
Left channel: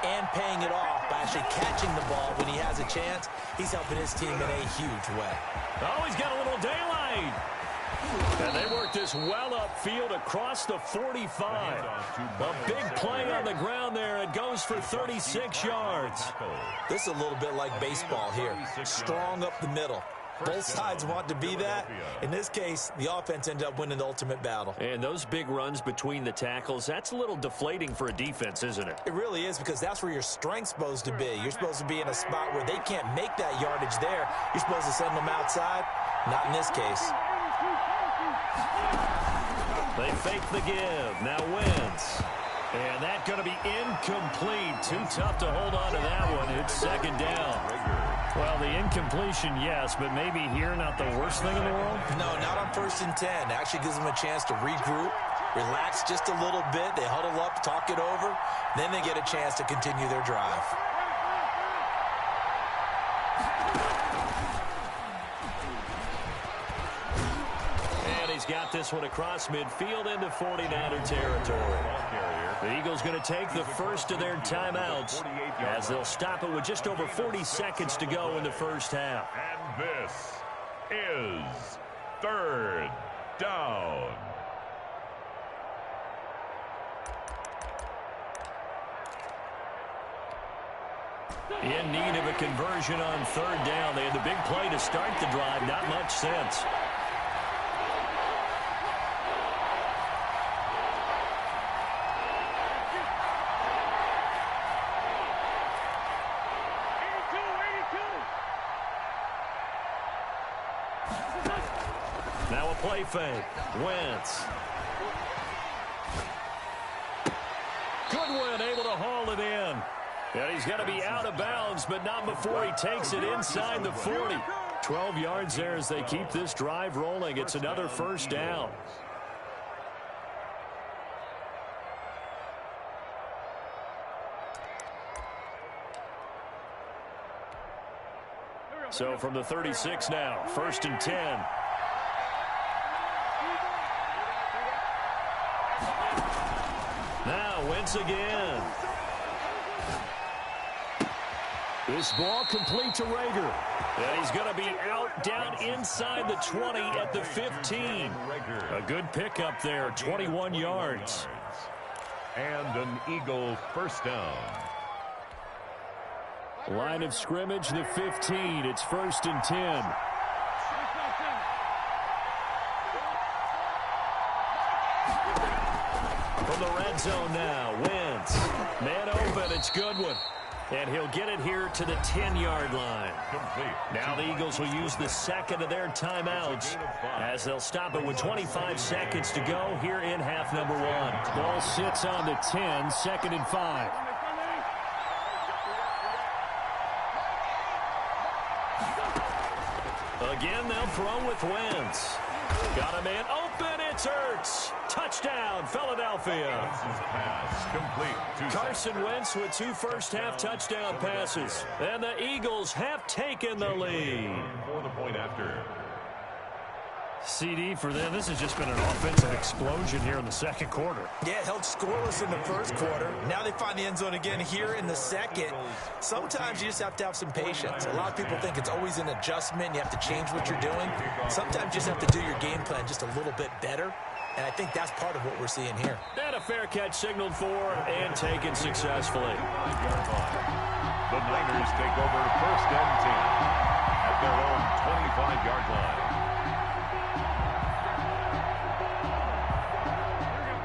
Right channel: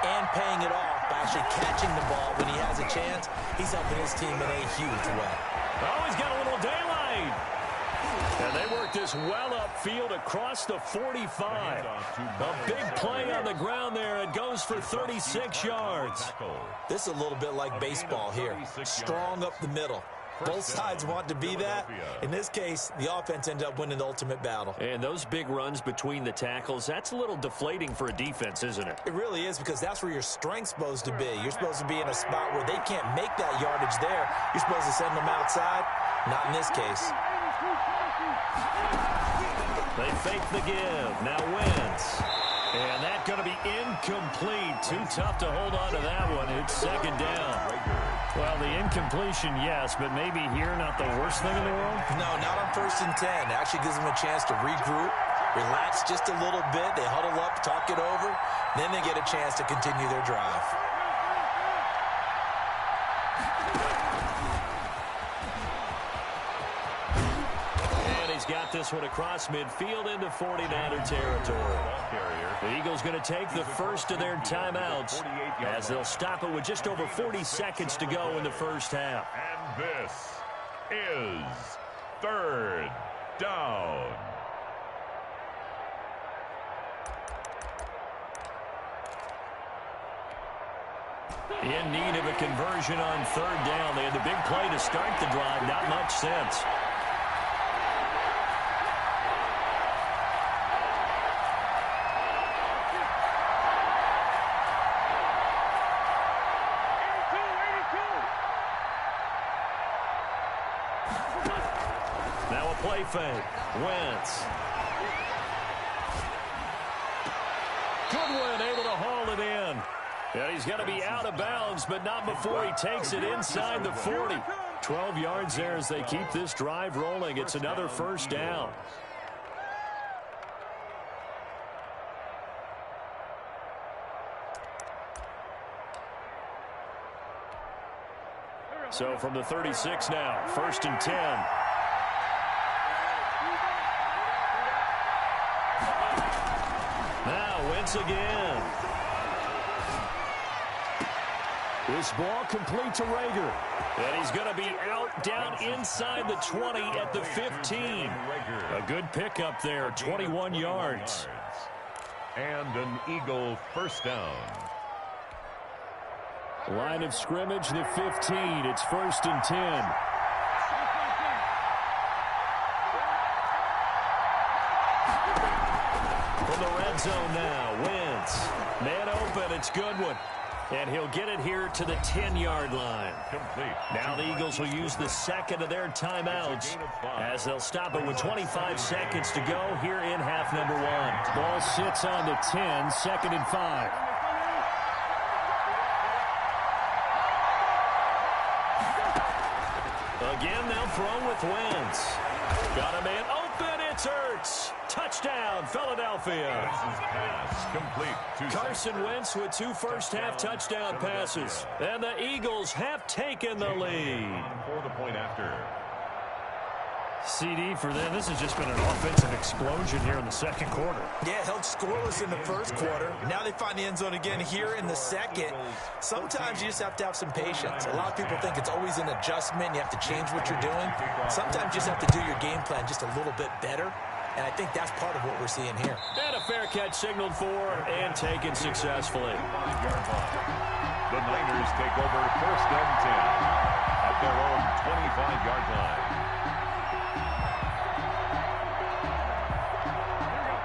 and paying it off by actually catching the ball when he has a chance, he's helping his team in a huge way. Oh, he's got a little daylight. And they work this well upfield across the 45. A big play on the ground there. It goes for 36 yards. This is a little bit like baseball here. Strong up the middle. Both sides want to be that. In this case, the offense ended up winning the ultimate battle. And those big runs between the tackles, that's a little deflating for a defense, isn't it? It really is, because that's where your strength's supposed to be. You're supposed to be in a spot where they can't make that yardage there. You're supposed to send them outside. Not in this case. They fake the give. Now Wentz. And that's going to be incomplete. Too tough to hold on to that one. It's 2nd down. Well, the incompletion, yes, but maybe here not the worst thing in the world? No, not on 1st and 10. It actually gives them a chance to regroup, relax just a little bit. They huddle up, talk it over. Then they get a chance to continue their drive. He's got this one across midfield into 49er territory. The Eagles going to take the first of their timeouts as they'll stop it with just over 40 seconds to go in the first half. And this is 3rd down. In need of a conversion on 3rd down. They had the big play to start the drive. Not much sense. Now a play fake. Wentz. Goodwin able to haul it in. And he's going to be out of bounds, but not before he takes it inside the 40. 12 yards there as they keep this drive rolling. It's another first down. So from the 36 now, 1st and 10. Now Wentz again. This ball complete to Rager. And he's going to be out down inside the 20 at the 15. A good pickup there, 21 yards. And an Eagle first down. Line of scrimmage, the 15. It's 1st and 10. From the red zone now, Wentz. Man open, it's Goodwin. And he'll get it here to the 10-yard line. Complete. Now the Eagles will use the second of their timeouts as they'll stop it with 25 seconds to go here in half number 1. Ball sits on the 10, 2nd and 5. Again, they'll throw with Wentz. Got a man open. It's Ertz. Touchdown, Philadelphia. Pass complete. Carson Wentz with 2 first-half touchdown passes. And the Eagles have taken the lead. For the point after. CD for them. This has just been an offensive explosion here in the second quarter. Yeah, held scoreless in the first quarter. Now they find the end zone again here in the second. Sometimes you just have to have some patience. A lot of people think it's always an adjustment. You have to change what you're doing. Sometimes you just have to do your game plan just a little bit better. And I think that's part of what we're seeing here. And a fair catch signaled for and taken successfully. 5-yard line. The Niners take over 1st and 10 at their own 25-yard line.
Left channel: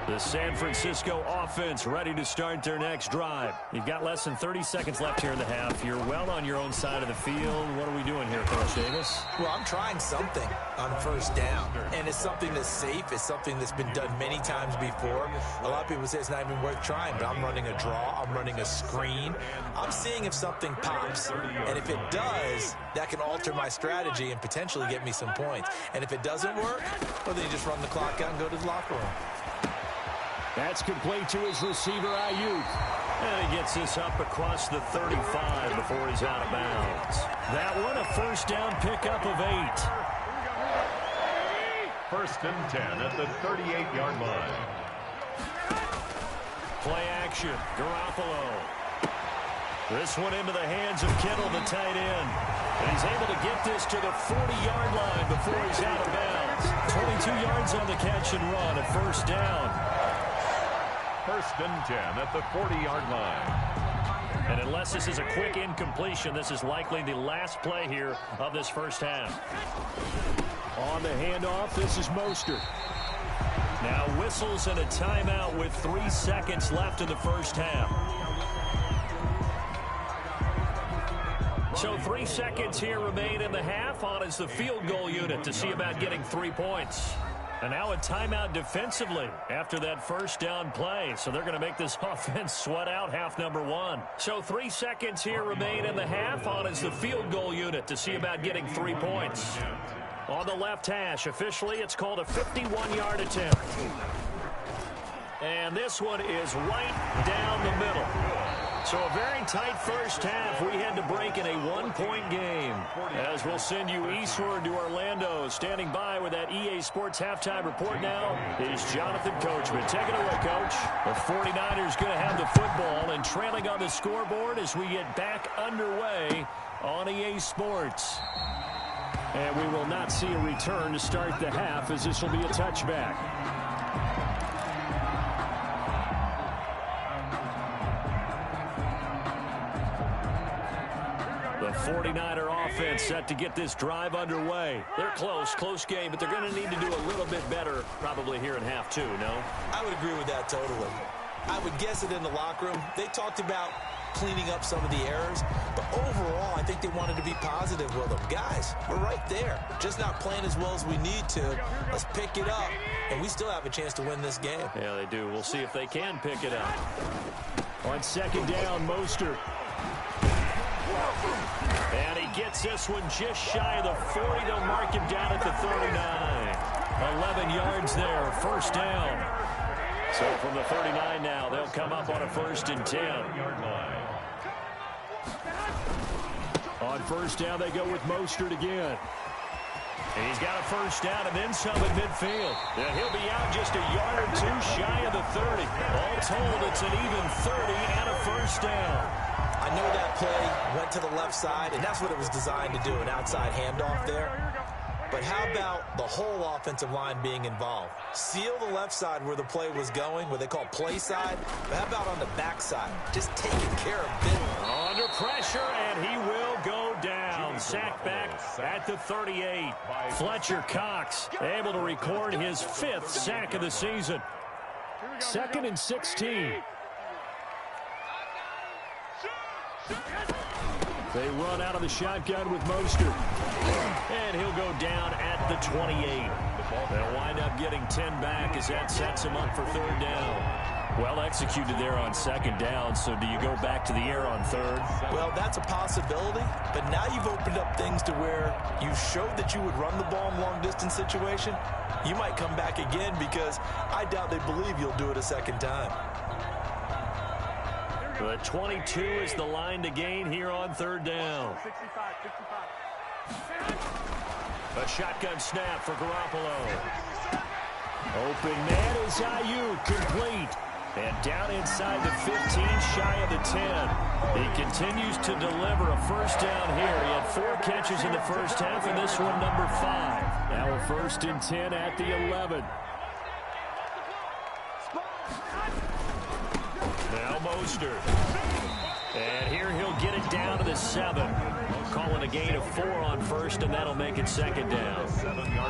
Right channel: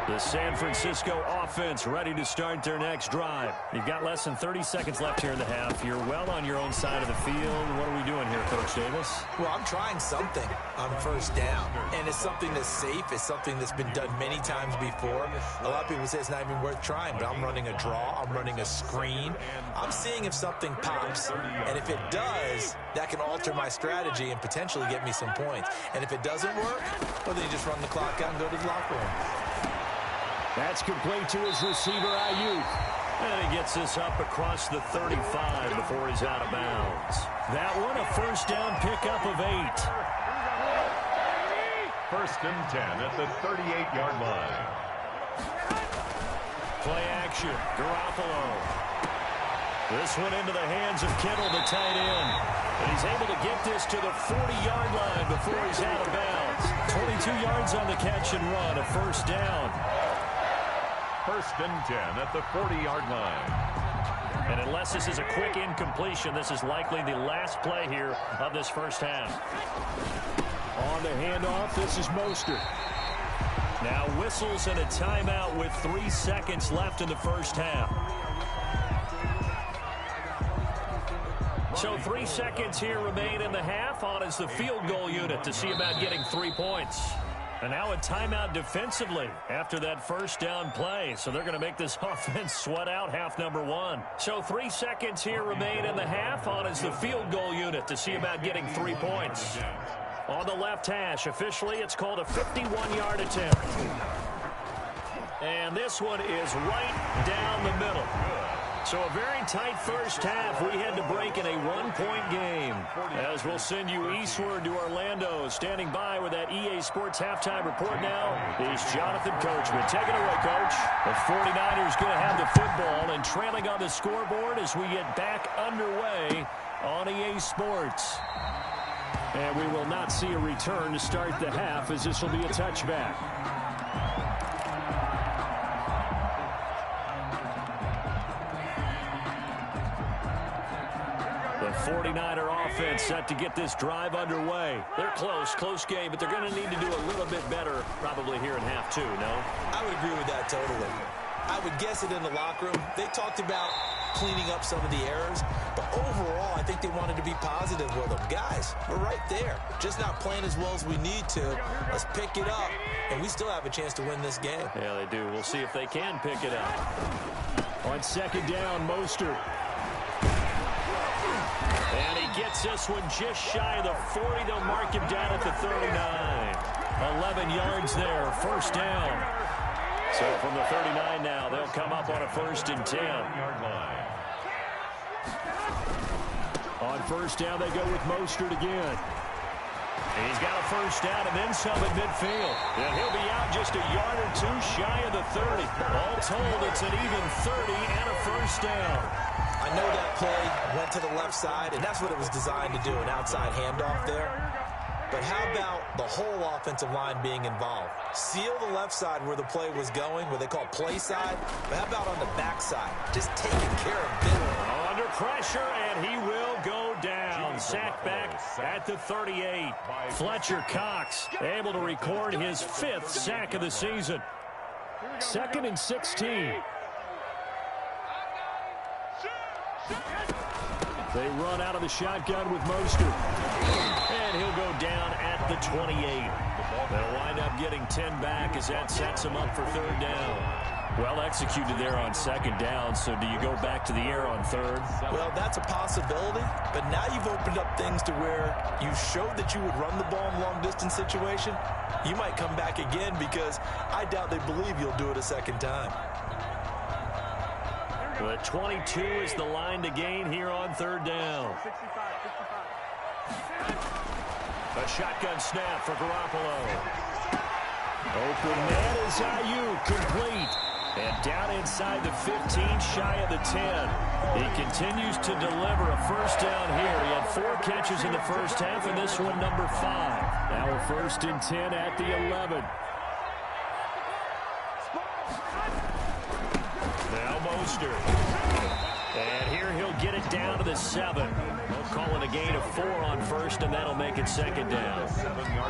The San Francisco offense ready to start their next drive. You've got less than 30 seconds left here in the half. You're well on your own side of the field. What are we doing here, Coach Davis? Well, I'm trying something on first down, and it's something that's safe. It's something that's been done many times before. A lot of people say it's not even worth trying, but I'm running a draw. I'm running a screen. I'm seeing if something pops, and if it does, that can alter my strategy and potentially get me some points. And if it doesn't work, well, then you just run the clock out and go to the locker room. That's complete to his receiver, Ayuk. And he gets this up across the 35 before he's out of bounds. That one, a first down pickup of 8. First and 10 at the 38-yard line. Play action, Garoppolo. This one into the hands of Kittle, the tight end. And he's able to get this to the 40-yard line before he's out of bounds. 22 yards on the catch and run, a first down. First and 10 at the 40-yard line. And unless this is a quick incompletion, this is likely the last play here of this first half. On the handoff, this is Mostert. Now whistles and a timeout with 3 seconds left in the first half. So 3 seconds here remain in the half. On is the field goal unit to see about getting 3 points. And now a timeout defensively after that first down play. So they're going to make this offense sweat out half number 1. So 3 seconds here remain in the half. On is the field goal unit to see about getting 3 points. On the left hash, officially it's called a 51-yard attempt. And this one is right down the middle. So a very tight first half. We had to break in a 1-point game. As we'll send you eastward to Orlando. Standing by with that EA Sports halftime report now is Jonathan Coachman. Take it away, Coach. The 49ers going to have the football and trailing on the scoreboard as we get back underway on EA Sports. And we will not see a return to start the half, as this will be a touchback. The 49er offense set to get this drive underway. They're close game, but they're going to need to do a little bit better probably here in half 2, no? I would agree with that totally. I would guess it in the locker room. They talked about cleaning up some of the errors, but overall, I think they wanted to be positive with them. Guys, we're right there. Just not playing as well as we need to. Let's pick it up, and we still have a chance to win this game. Yeah, they do. We'll see if they can pick it up. On second down, Mostert. And he gets this one just shy of the 40. They'll mark him down at the 39. 11 yards there, first down. So from the 39 now, they'll come up on a first and 10. On first down, they go with Mostert again. And he's got a first down and then some at midfield. And he'll be out just a yard or two shy of the 30. All told, it's an even 30 and a first down. I know that play went to the left side, and that's what it was designed to do, an outside handoff there. But how about the whole offensive line being involved? Seal the left side where the play was going, what they call play side. But how about on the back side? Just taking care of business. Under pressure, and he will go down. Sack back at the 38. Fletcher Cox able to record his 5th sack of the season. 2nd and 16. They run out of the shotgun with Mostert. And he'll go down at the 28. They'll wind up getting 10 back as that sets him up for third down. Well executed there on second down, so do you go back to the air on third? Well, that's a possibility, but now you've opened up things to where you showed that you would run the ball in long-distance situation. You might come back again because I doubt they believe you'll do it a second time. The 22 is the line to gain here on third down. A shotgun snap for Garoppolo. Open man is Ayuk, complete. And down inside the 15, shy of the 10. He continues to deliver a first down here. He had 4 catches in the first half, and this one number 5. Now a first and 10 at the 11. Now Mostert. And here he'll get it down to the 7. calling a gain of 4 on first, and that'll make it second down.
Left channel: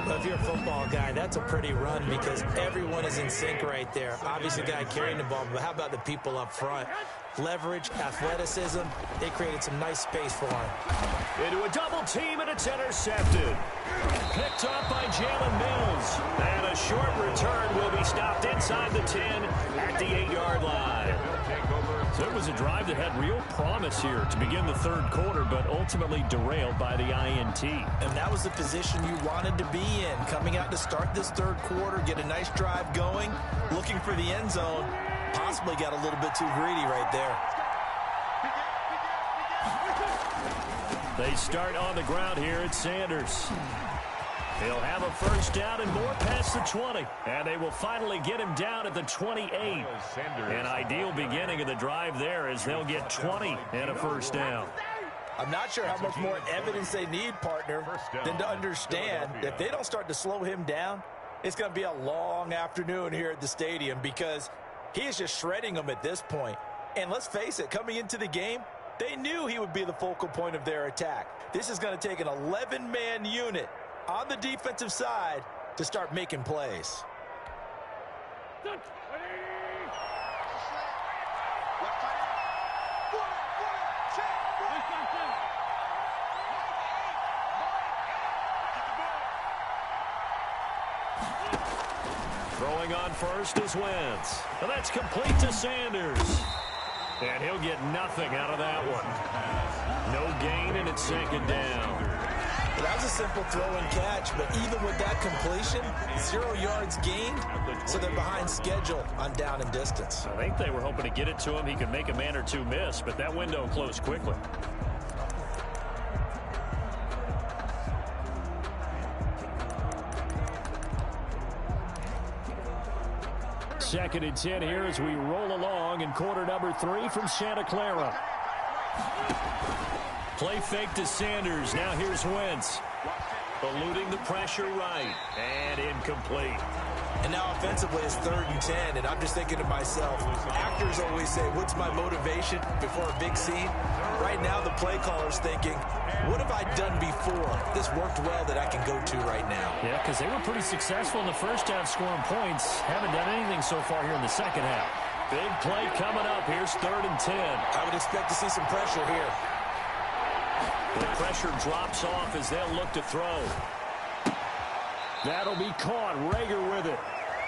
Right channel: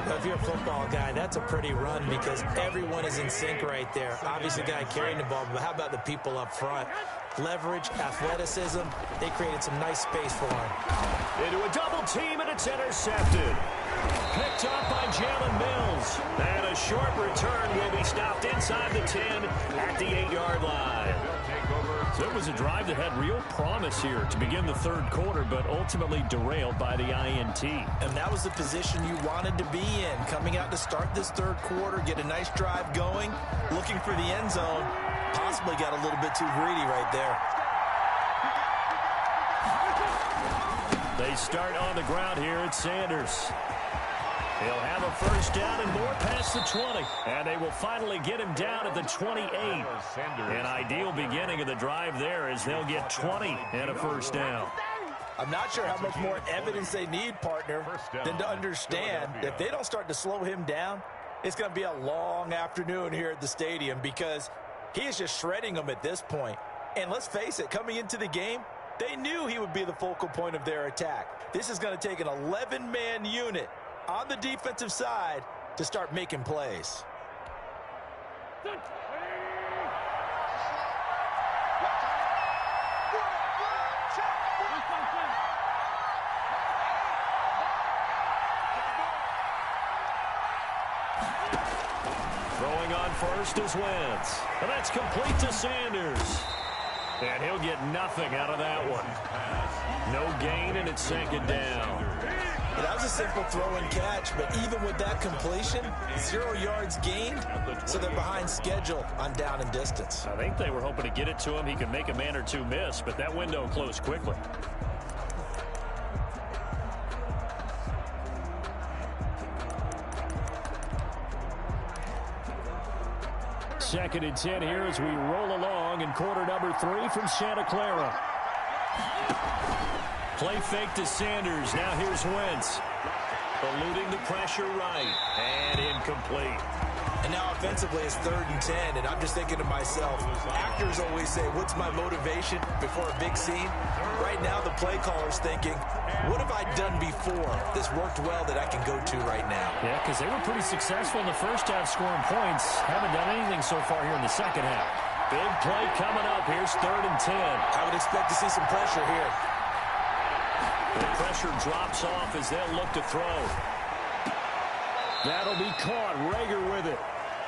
Well, if you're a football guy, that's a pretty run because everyone is in sync right there. Obviously, the guy carrying the ball, but how about the people up front? Leverage, athleticism, they created some nice space for him. Into a double team, and it's intercepted. Picked up by Jalen Mills. And a short return will be stopped inside the 10 at the 8-yard line. So it was a drive that had real promise here to begin the third quarter, but ultimately derailed by the INT. And that was the position you wanted to be in. Coming out to start this third quarter, get a nice drive going, looking for the end zone. Possibly got a little bit too greedy right there. They start on the ground here at Sanders. He'll have a first down and more past the 20. And they will finally get him down at the 28. An ideal beginning of the drive there as they'll get 20 and a first down. I'm not sure how much more evidence they need, partner, than to understand that if they don't start to slow him down, it's going to be a long afternoon here at the stadium because he is just shredding them at this point. And let's face it, coming into the game, they knew he would be the focal point of their attack. This is going to take an 11-man unit on the defensive side to start making plays. Throwing on first is Wentz. And that's complete to Sanders. And he'll get nothing out of that one. No gain, and it's second down. Well, that was a simple throw and catch, but even with that completion, 0 yards gained, so they're behind schedule on down and distance. I think they were hoping to get it to him. He could make a man or two miss, but that window closed quickly. Second and 10 here as we roll along in quarter number 3 from Santa Clara. Play fake to Sanders. Now here's Wentz. Eluding the pressure right. And incomplete. And now offensively it's 3rd and 10. And I'm just thinking to myself, actors always say, what's my motivation before a big scene? Right now the play caller's thinking, what have I done before? This worked well that I can go to right now. Yeah, because they were pretty successful in the first half scoring points. Haven't done anything so far here in the second half. Big play coming up. Here's 3rd and 10. I would expect to see some pressure here. The pressure drops off as they'll look to throw. That'll be caught. Rager with it.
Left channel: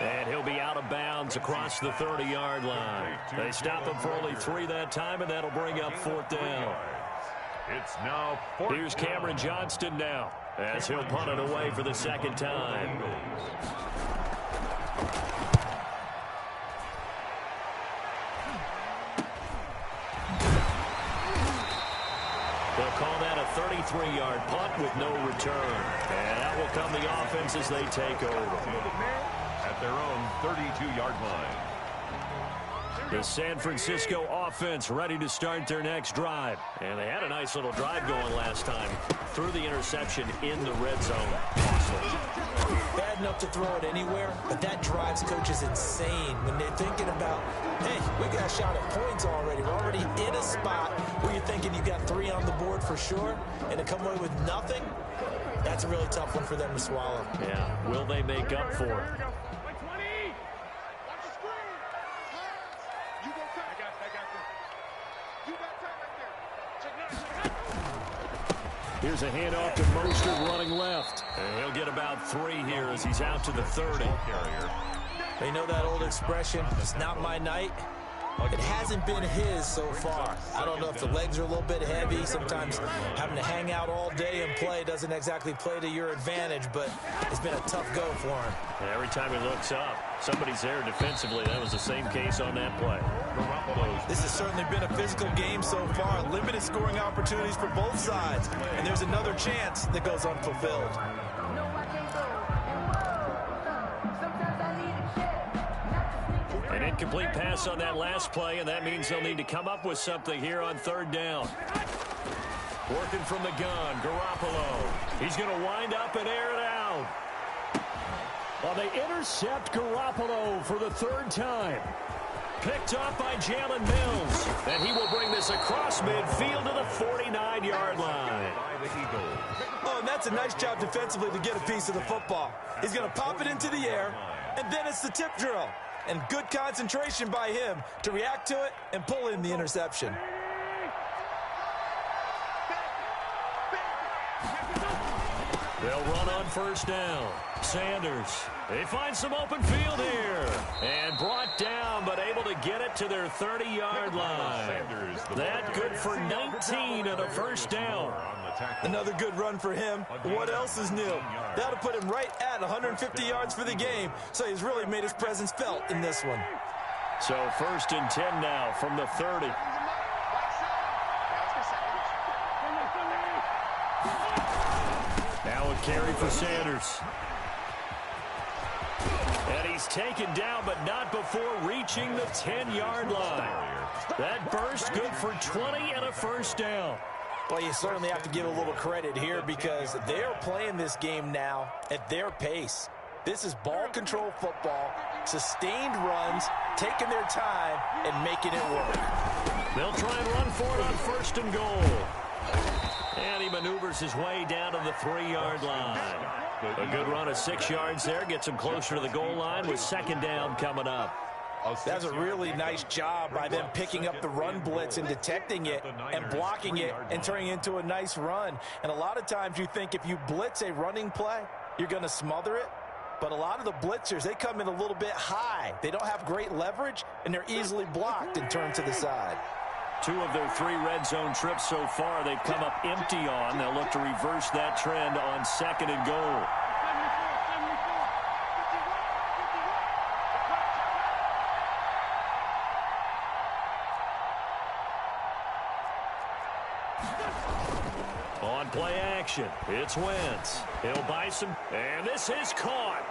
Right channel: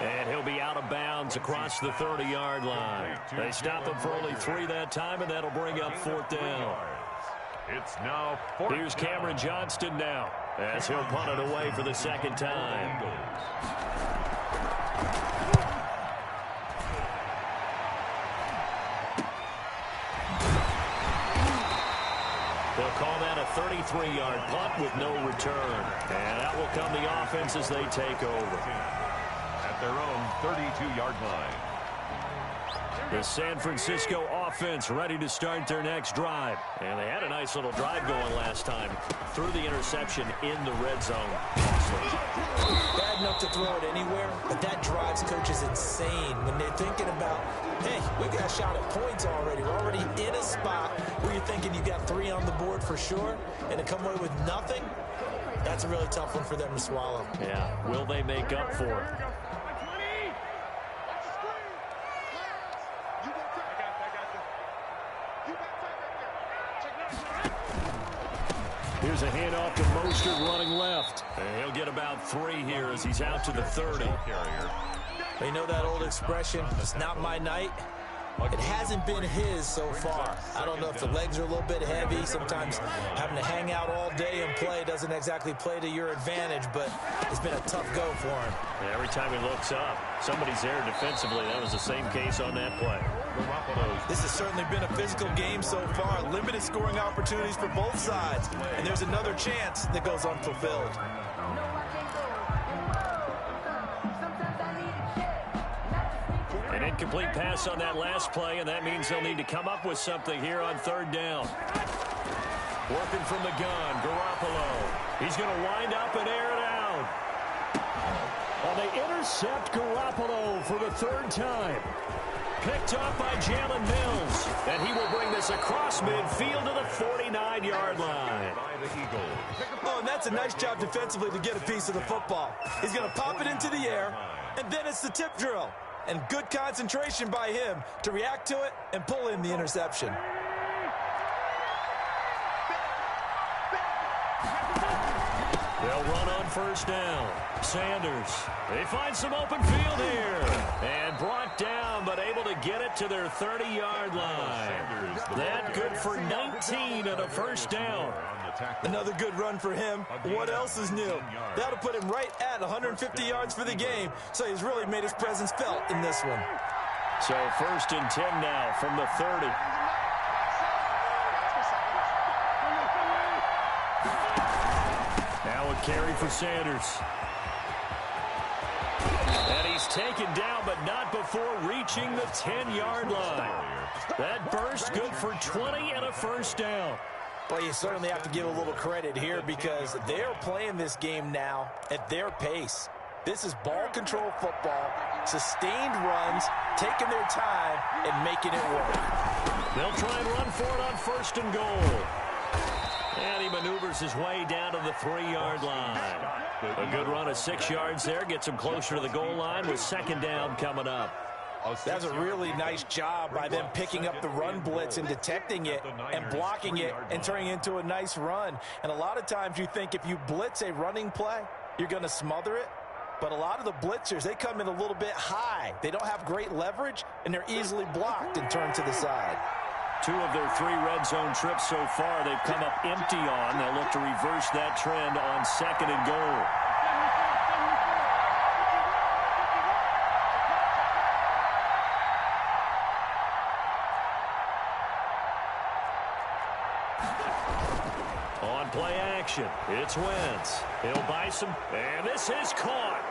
And he'll be out of bounds across the 30-yard line. They stop him for only 3 that time, and that'll bring up 4th down. It's now 4th. Here's Cameron Johnston now as he'll punt it away for the second time. They'll call that a 33-yard punt with no return. And that will come the offense as they take over. At their own 32-yard line. The San Francisco offense ready to start their next drive. And they had a nice little drive going last time. Threw the interception in the red zone. Bad enough to throw it anywhere, but that drives coaches insane when they're thinking about, hey, we got a shot at points already. We're already in a spot where you're thinking you got 3 on the board for sure, and to come away with nothing, that's a really tough one for them to swallow. Yeah, will they make up for it? Here's a handoff to Mostert running left. And he'll get about 3 here as he's out to the 30. You know that old expression, it's not my night? It hasn't been his so far. I don't know if the legs are a little bit heavy. Sometimes having to hang out all day and play doesn't exactly play to your advantage, but it's been a tough go for him. And every time he looks up, somebody's there defensively. That was the same case on that play. This has certainly been a physical game so far. Limited scoring opportunities for both sides. And there's another chance that goes unfulfilled. An incomplete pass on that last play, and that means they'll need to come up with something here on 3rd down. Working from the gun, Garoppolo. He's going to wind up and air it out. Well, they intercept Garoppolo for the 3rd time. Picked off by Jalen Mills. And he will bring this across midfield to the 49-yard line. Oh, and that's a nice job defensively to get a piece of the football. He's going to pop it into the air, and then it's the tip drill. And good concentration by him to react to it and pull in the interception. They'll run on first down. Sanders, they find some open field here. And brought down, but able to get it to their 30-yard line. That good for 19 and a first down. Another good run for him. What else is new? That'll put him right at 150 yards for the game, so he's really made his presence felt in this one. So 1st and 10 now from the 30. Now a carry for Sanders. And he's taken down, but not before reaching the 10-yard line. That burst good for 20 and a first down. Well, you certainly have to give a little credit here because they're playing this game now at their pace. This is ball control football, sustained runs, taking their time, and making it work. They'll try and run for it on 1st and goal. And he maneuvers his way down to the 3-yard line. A good run of 6 yards there. Gets him closer to the goal line with 2nd down coming up. That's a really nice job by them picking up the run blitz and detecting it and blocking it and turning it into a nice run. And a lot of times you think if you blitz a running play, you're going to smother it. But a lot of the blitzers, they come in a little bit high. They don't have great leverage, and they're easily blocked and turned to the side. 2 of their 3 red zone trips so far, they've come up empty on. They'll look to reverse that trend on 2nd and goal. On play action, it's Wentz. He'll buy some, and this is caught.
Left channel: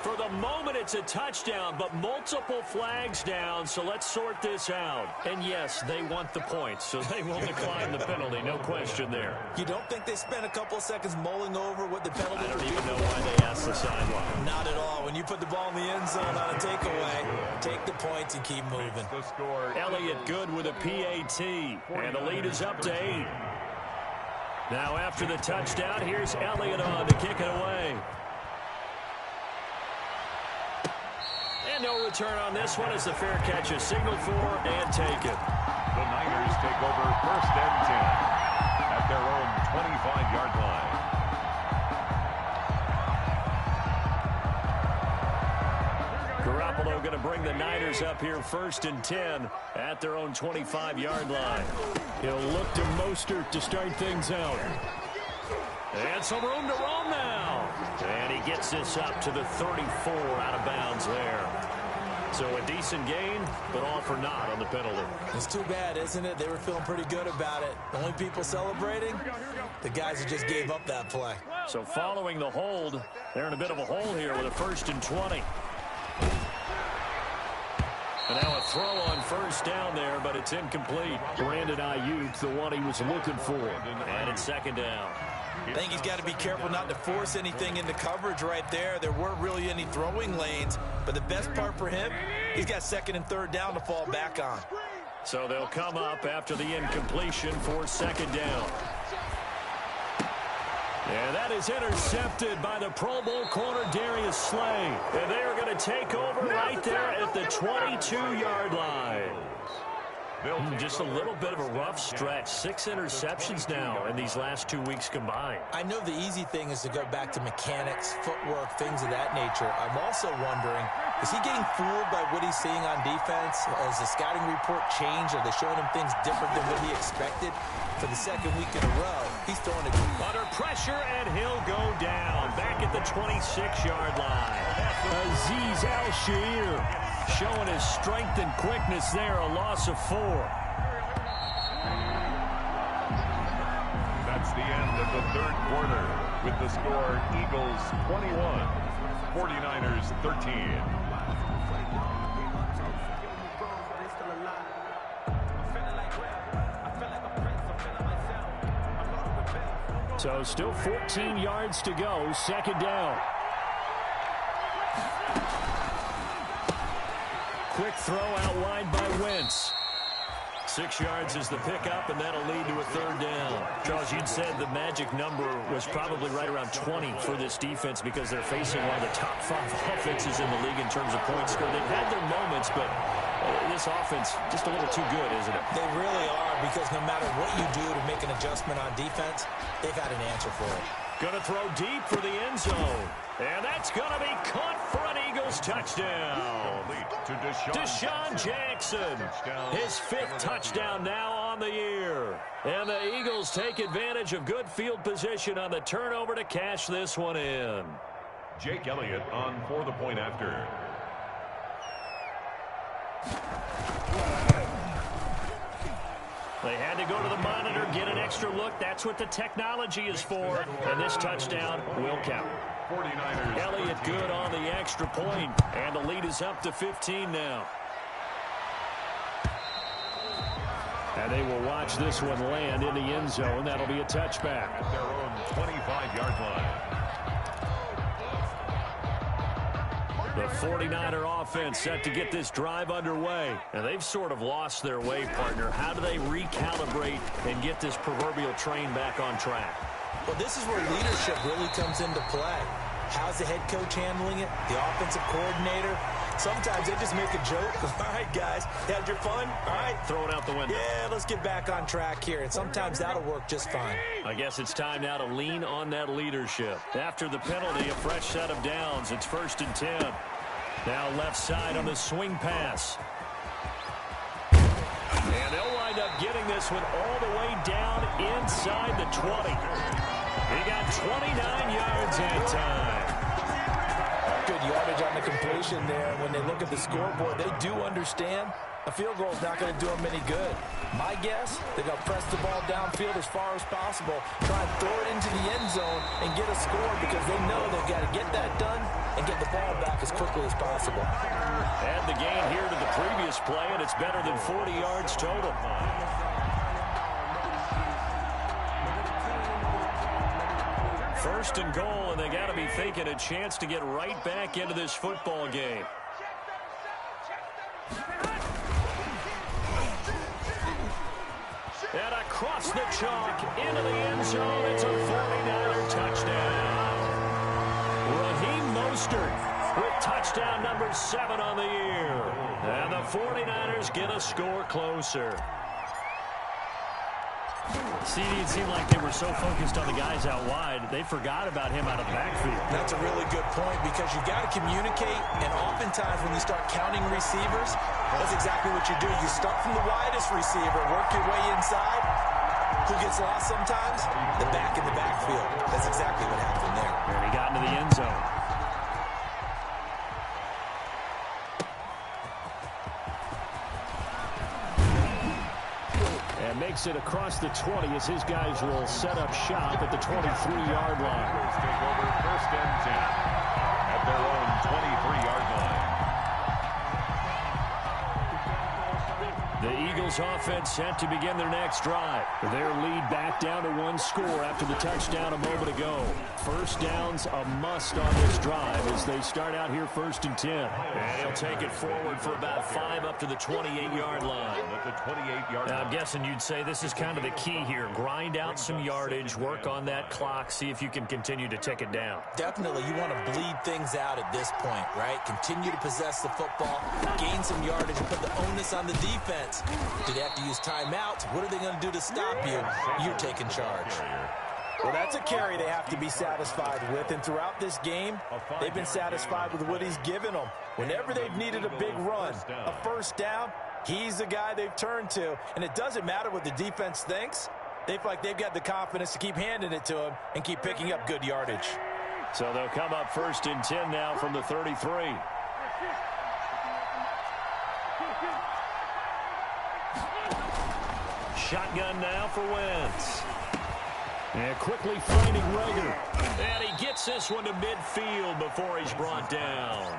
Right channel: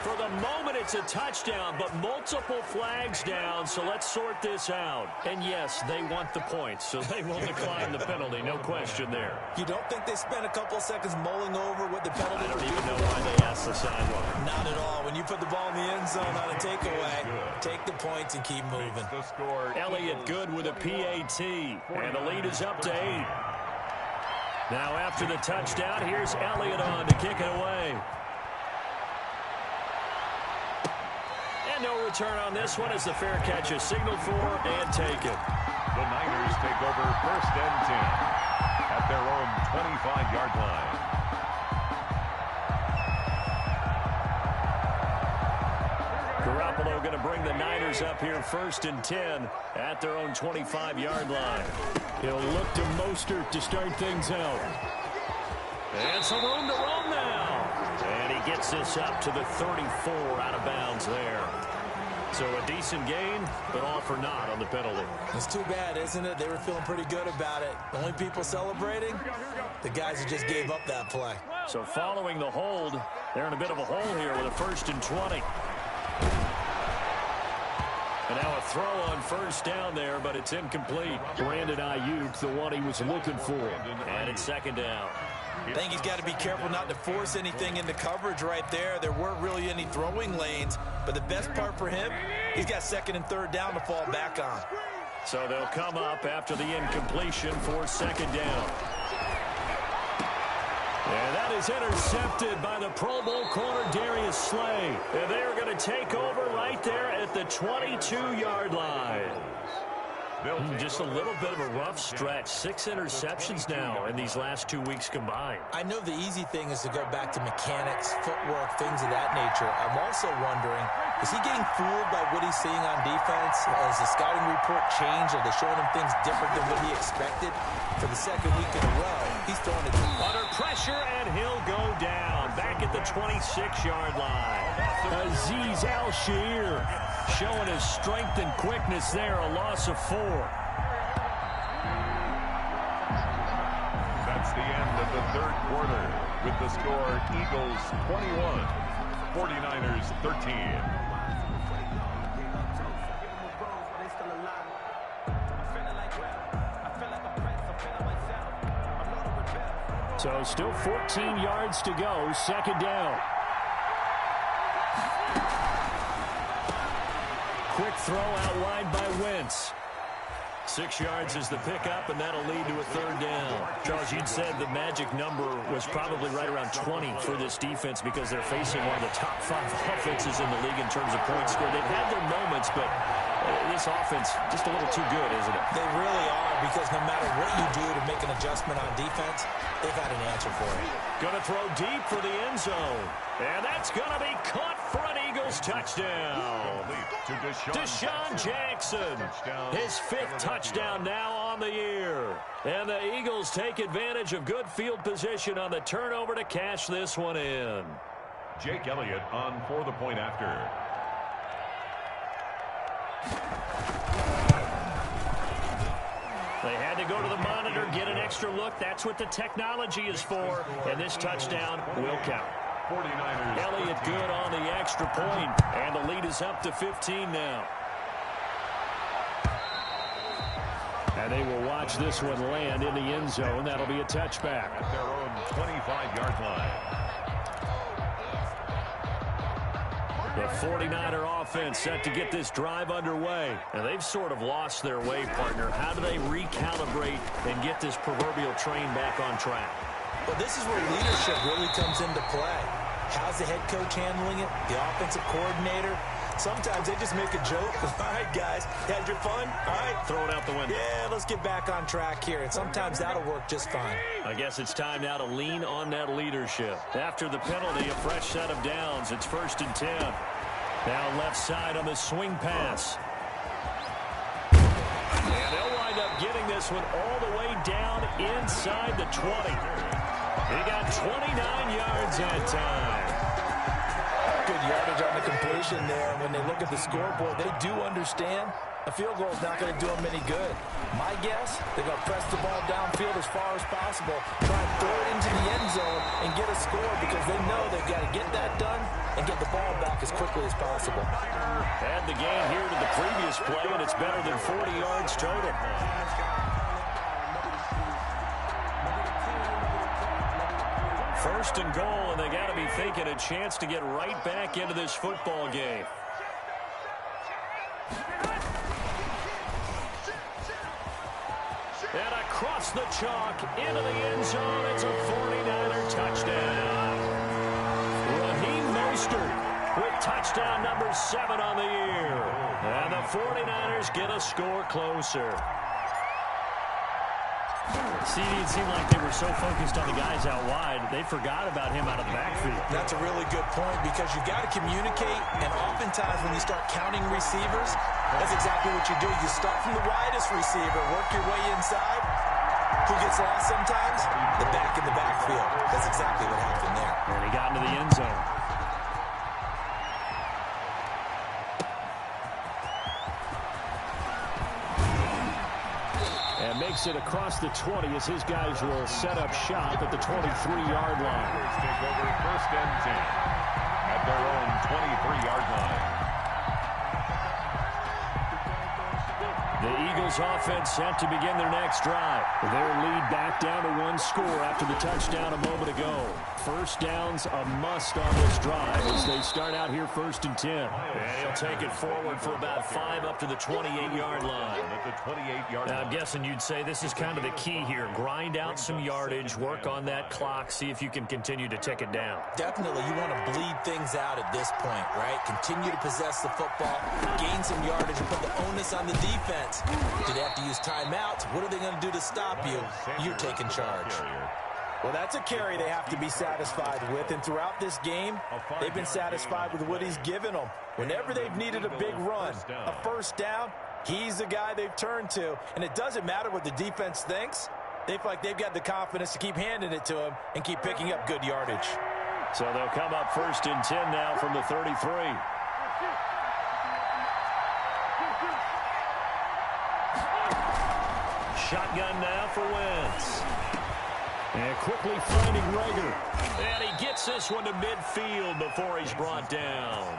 For the moment, it's a touchdown, but multiple flags down, so let's sort this out. And yes, they want the points, so they will decline the penalty, no question there. You don't think they spent a couple of seconds mulling over what the penalty I don't would even be? know why they asked the sideline. Not at all. When you put the ball in the end zone on a takeaway, take the points and keep moving. Elliott good with a PAT, and the lead is up to 8. Now after the touchdown, here's Elliott on to kick it away. And no return on this one as the fair catch is signaled for and taken. The Niners take over 1st and 10 at their own 25-yard line. Garoppolo going to bring the Niners up here 1st and 10 at their own 25-yard line. He'll look to Mostert to start things out. And some room to roam now. And he gets this up to the 34 out of bounds there. So a decent gain, but all for naught on the penalty. It's too bad, isn't it? They were feeling pretty good about it. The only people celebrating, the guys who just gave up that play. So following the hold, they're in a bit of a hole here with a 1st and 20. And now a throw on 1st down there, but it's incomplete. Brandon Ayuk, the one he was looking for. And it's 2nd down. I think he's got to be careful not to force anything into coverage right there. There weren't really any throwing lanes, but the best part for him, he's got 2nd and 3rd down to fall back on. So they'll come up after the incompletion for 2nd down. And that is intercepted by the Pro Bowl corner Darius Slay. And they are going to take over right there at the 22-yard line. Just a little bit of a rough stretch. 6 interceptions now in these last 2 weeks combined. I know the easy thing is to go back to mechanics, footwork, things of that nature. I'm also wondering, is he getting fooled by what he's seeing on defense? Has the scouting report changed? Are they showing him things different than what he expected? For the 2nd week in a row, he's throwing it under pressure, and he'll go down back at the 26-yard line. Azeez Al-Shaair showing his strength and quickness there, a loss of 4. That's the end of the 3rd quarter with the score Eagles 21, 49ers 13. So still 14 yards to go, 2nd down. quick throw out wide by Wentz. 6 yards is the pickup, and that'll lead to a third down. Charles, you'd said the magic number was probably right around 20 for this defense because they're facing one of the top 5 offenses in the league in terms of points scored. They've had their moments, but this offense just a little too good, isn't it? They really are, because no matter what you do to make an adjustment on defense, they've had an answer for it. Going to throw deep for the end zone. And that's going to be caught for an Eagles touchdown. To Deshaun Jackson, his 5th touchdown now on the year. And the Eagles take advantage of good field position on the turnover to cash this one in. Jake Elliott on for the point after. They had to go to the monitor, get an extra look. That's what the technology is for. And this touchdown will count. 49ers. Elliott good on the extra point, and the lead is up to 15 now. And they will watch this one land in the end zone. That'll be a touchback. At their own 25-yard line. The 49er offense set to get this drive underway. And they've sort of lost their way, partner. How do they recalibrate and get this proverbial train back on track? Well, this is where leadership really comes into play. How's the head coach handling it? The offensive coordinator? Sometimes they just make a joke. All right, guys, had your fun? All right. Throw it out the window. Yeah, let's get back on track here. And sometimes that'll work just fine. I guess it's time now to lean on that leadership. After the penalty, a fresh set of downs. It's 1st and 10. Now left side on the swing pass. And they'll wind up getting this one all the way down inside the 20. He got 29 yards that time. Good yardage on the completion there. And when they look at the scoreboard, they do understand a field goal is not going to do them any good. My guess, they're going to press the ball downfield as far as possible, try and throw it into the end zone and get a score because they know they've got to get that done and get the ball back as quickly as possible. Add the gain here to the previous play, and it's better than 40 yards total. First and goal, and they got to be thinking a chance to get right back into this football game. And across the chalk into the end zone, it's a 49er touchdown. Raheem Mostert with touchdown number 7 on the year. And the 49ers get a score closer. See, it seemed like they were so focused on the guys out wide, they forgot about him out of the backfield. That's a really good point because you've got to communicate, and oftentimes when you start counting receivers, that's exactly what you do. You start from the widest receiver, work your way inside. Who gets lost sometimes? The back in the backfield. That's exactly what happened there. And he got into the end zone. And makes it across the 20 as his guys will set up shop at the 23-yard line. Take over 1st and 10 at their own 23-yard line. The Eagles offense set to begin their next drive. Their lead back down to 1 score after the touchdown a moment ago. First down's a must on this drive as they start out here 1st and 10. And he'll take it forward for about 5 up to the 28-yard line. At the 28-yard Now, line. I'm guessing you'd say this is kind of the key here. Grind out some yardage, work on that clock, see if you can continue to tick it down. Definitely, you want to bleed things out at this point, right? Continue to possess the football, gain some yardage, and put the onus on the defense. Do they have to use timeouts? What are they going to do to stop you? You're taking charge. Well, that's a carry they have to be satisfied with, and throughout this game, they've been satisfied with what he's given them. Whenever they've needed a big run, a first down, he's the guy they've turned to, and it doesn't matter what the defense thinks. They feel like they've got the confidence to keep handing it to him and keep picking up good yardage. So they'll come up 1st and 10 now from the 33. Shotgun now for Wentz. And quickly finding Rager. And he gets this one to midfield before he's brought down.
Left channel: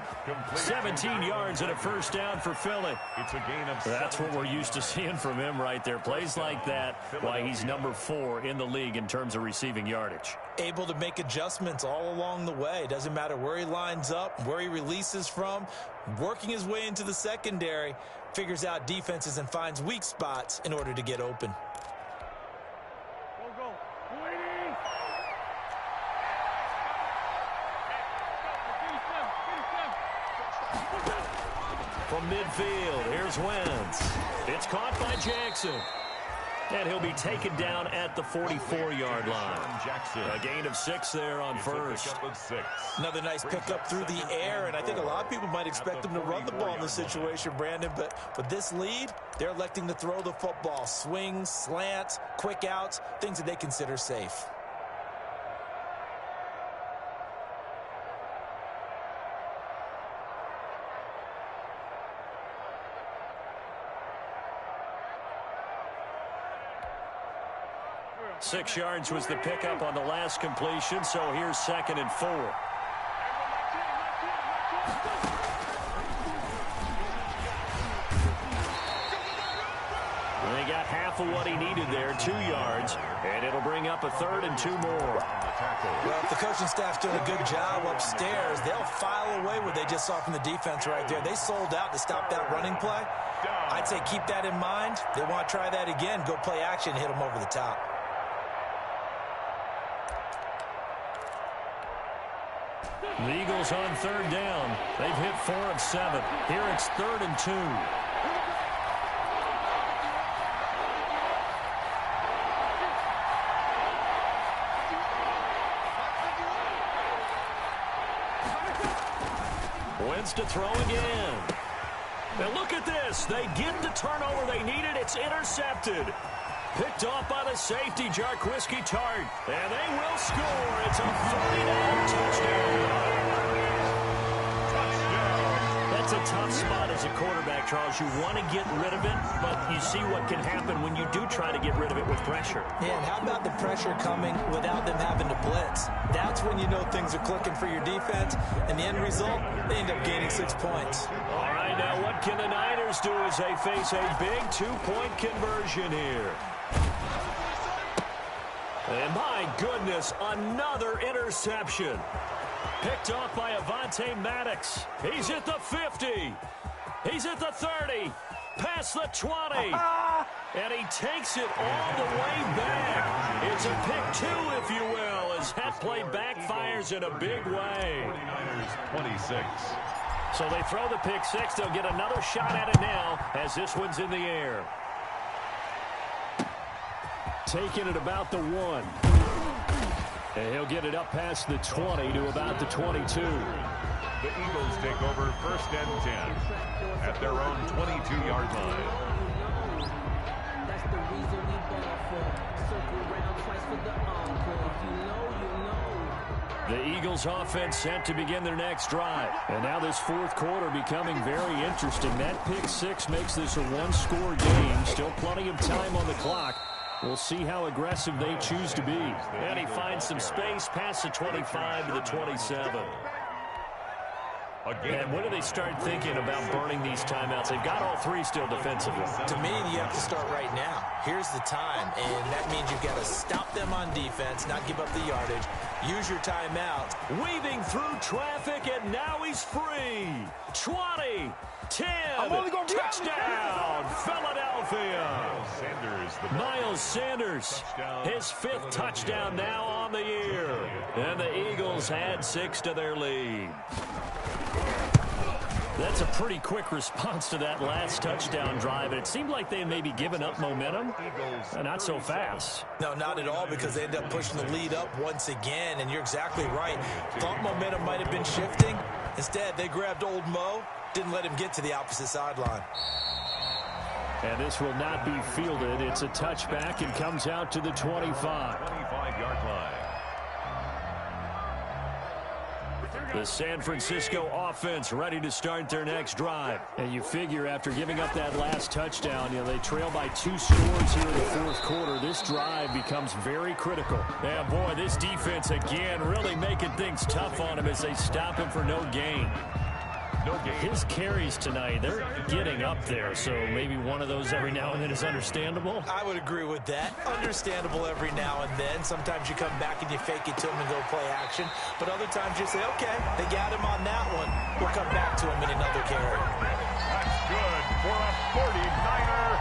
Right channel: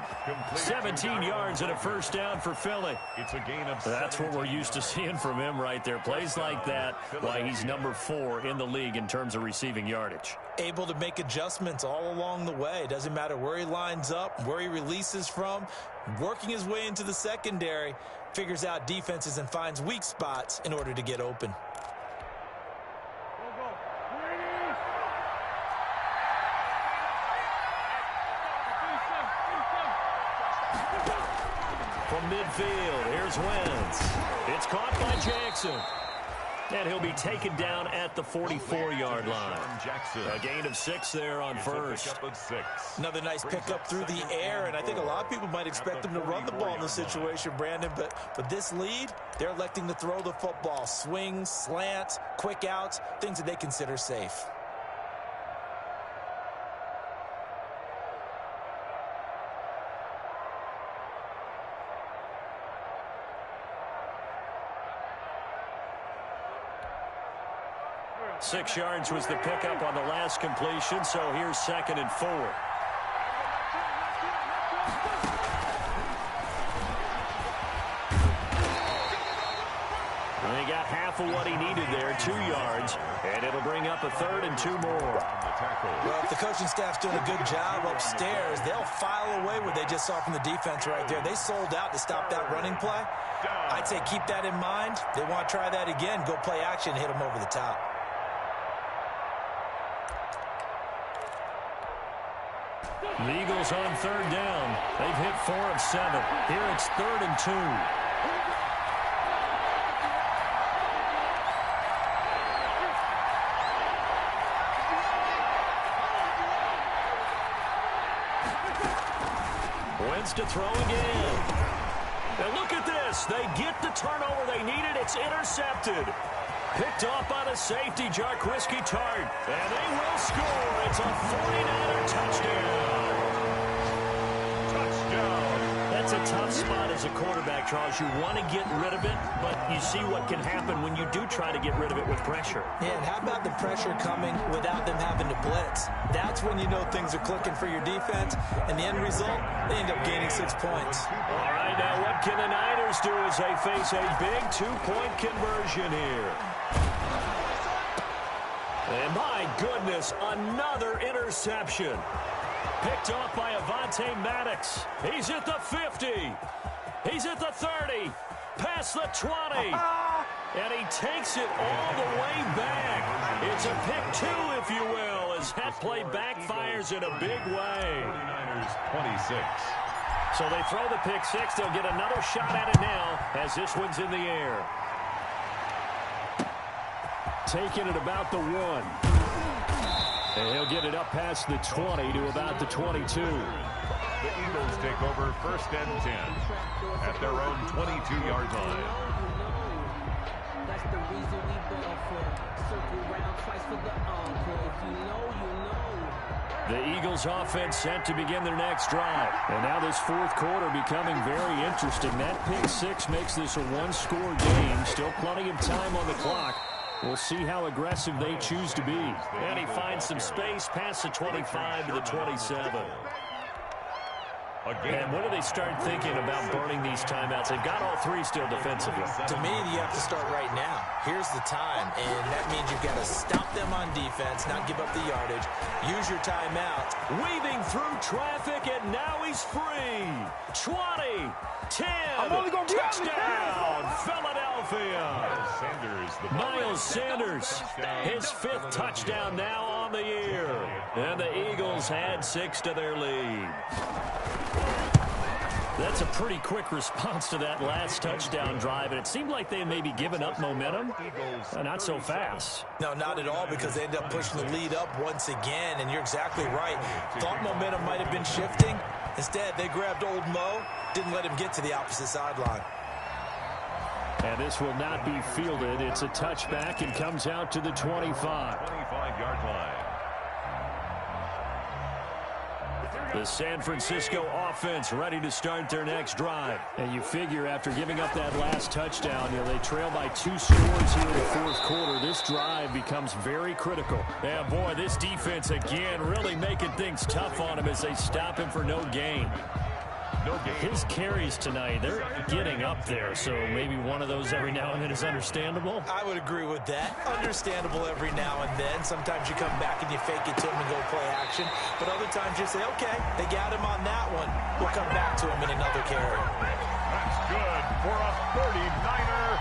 17 yards and a first down for Philly. It's a gain of That's what we're used to seeing from him right there. Plays like that, why he's number 4 in the league in terms of receiving yardage. Able to make adjustments all along the way. Doesn't matter where he lines up, where he releases from. Working his way into the secondary, figures out defenses and finds weak spots in order to get open. From midfield, here's Wentz. It's caught by Jackson. And he'll be taken down at the 44-yard line. A gain of 6 there on first. Another nice pickup through the air, and I think a lot of people might expect him to run the ball in this situation, Brandon, but with this lead, they're electing to throw the football. Swings, slants, quick outs, things that they consider safe. Six yards was the pickup on the last completion, so here's 2nd and 4. And he got half of what he needed there, 2 yards, and it'll bring up a 3rd and 2 more. Well, if the coaching staff's doing a good job upstairs, they'll file away what they just saw from the defense right there. They sold out to stop that running play. I'd say keep that in mind. They want to try that again, go play action, hit them over the top. The Eagles on 3rd down. They've hit 4 of 7. Here it's 3rd and 2. Wentz to throw again. Now look at this. They get the turnover they needed. It's intercepted. Picked off by the safety, Jarquiski Tart. And they will score. It's a 49er touchdown. That's a tough spot as a quarterback, Charles. You want to get rid of it, but you see what can happen when you do try to get rid of it with pressure. Yeah, and how about the pressure coming without them having to blitz? That's when you know things are clicking for your defense, and the end result, they end up gaining 6 points. All right, now what can the Niners do as they face a big 2-point conversion here? And my goodness, another interception. Picked off by Avonte Maddox. He's at the 50. He's at the 30. Past the 20. And he takes it all the way back. It's a pick 2, if you will, as that play backfires in a big way. 49ers 26. So they throw the pick 6. They'll get another shot at it now as this one's in the air. Taking it about the 1. And he'll get it up past the 20 to about the 22. The Eagles take over 1st and 10 at their own 22-yard line. That's the reason we ball for. Circle round twice for the encore. If you know, you know. The Eagles offense set to begin their next drive. And now this 4th quarter becoming very interesting. That pick 6 makes this a 1-score game. Still plenty of time on the clock. We'll see how aggressive they choose to be. And he finds some space past the 25 to the 27. And when do they start thinking about burning these timeouts? They've got all 3 still defensively. To me, you have to start right now. Here's the time, and that means you've got to stop them on defense, not give up the yardage. Use your timeout. Weaving through traffic, and now he's free. 20, 10, touchdown, Philadelphia. Miles Sanders, his 5th touchdown now on the year. And the Eagles add 6 to their lead. That's a pretty quick response to that last touchdown drive, and it seemed like they may be giving up momentum. Not so fast. No, not at all, because they end up pushing the lead up once again, and you're exactly right. Thought momentum might have been shifting. Instead, they grabbed old Mo, didn't let him get to the opposite sideline. And this will not be fielded. It's a touchback and comes out to the 25. 25-yard line. The San Francisco offense ready to start their next drive. And you figure after giving up that last touchdown, they trail by 2 scores here in the fourth quarter. This drive becomes very critical. Yeah, boy, this defense again really making things tough on him as they stop him for no gain. His carries tonight, they're getting up there, so maybe one of those every now and then is understandable. I would agree with that. Understandable every now and then. Sometimes you come back and you fake it to him and go play action. But other times you say, okay, they got him on that one. We'll come back to him in another carry. That's good for a 49er.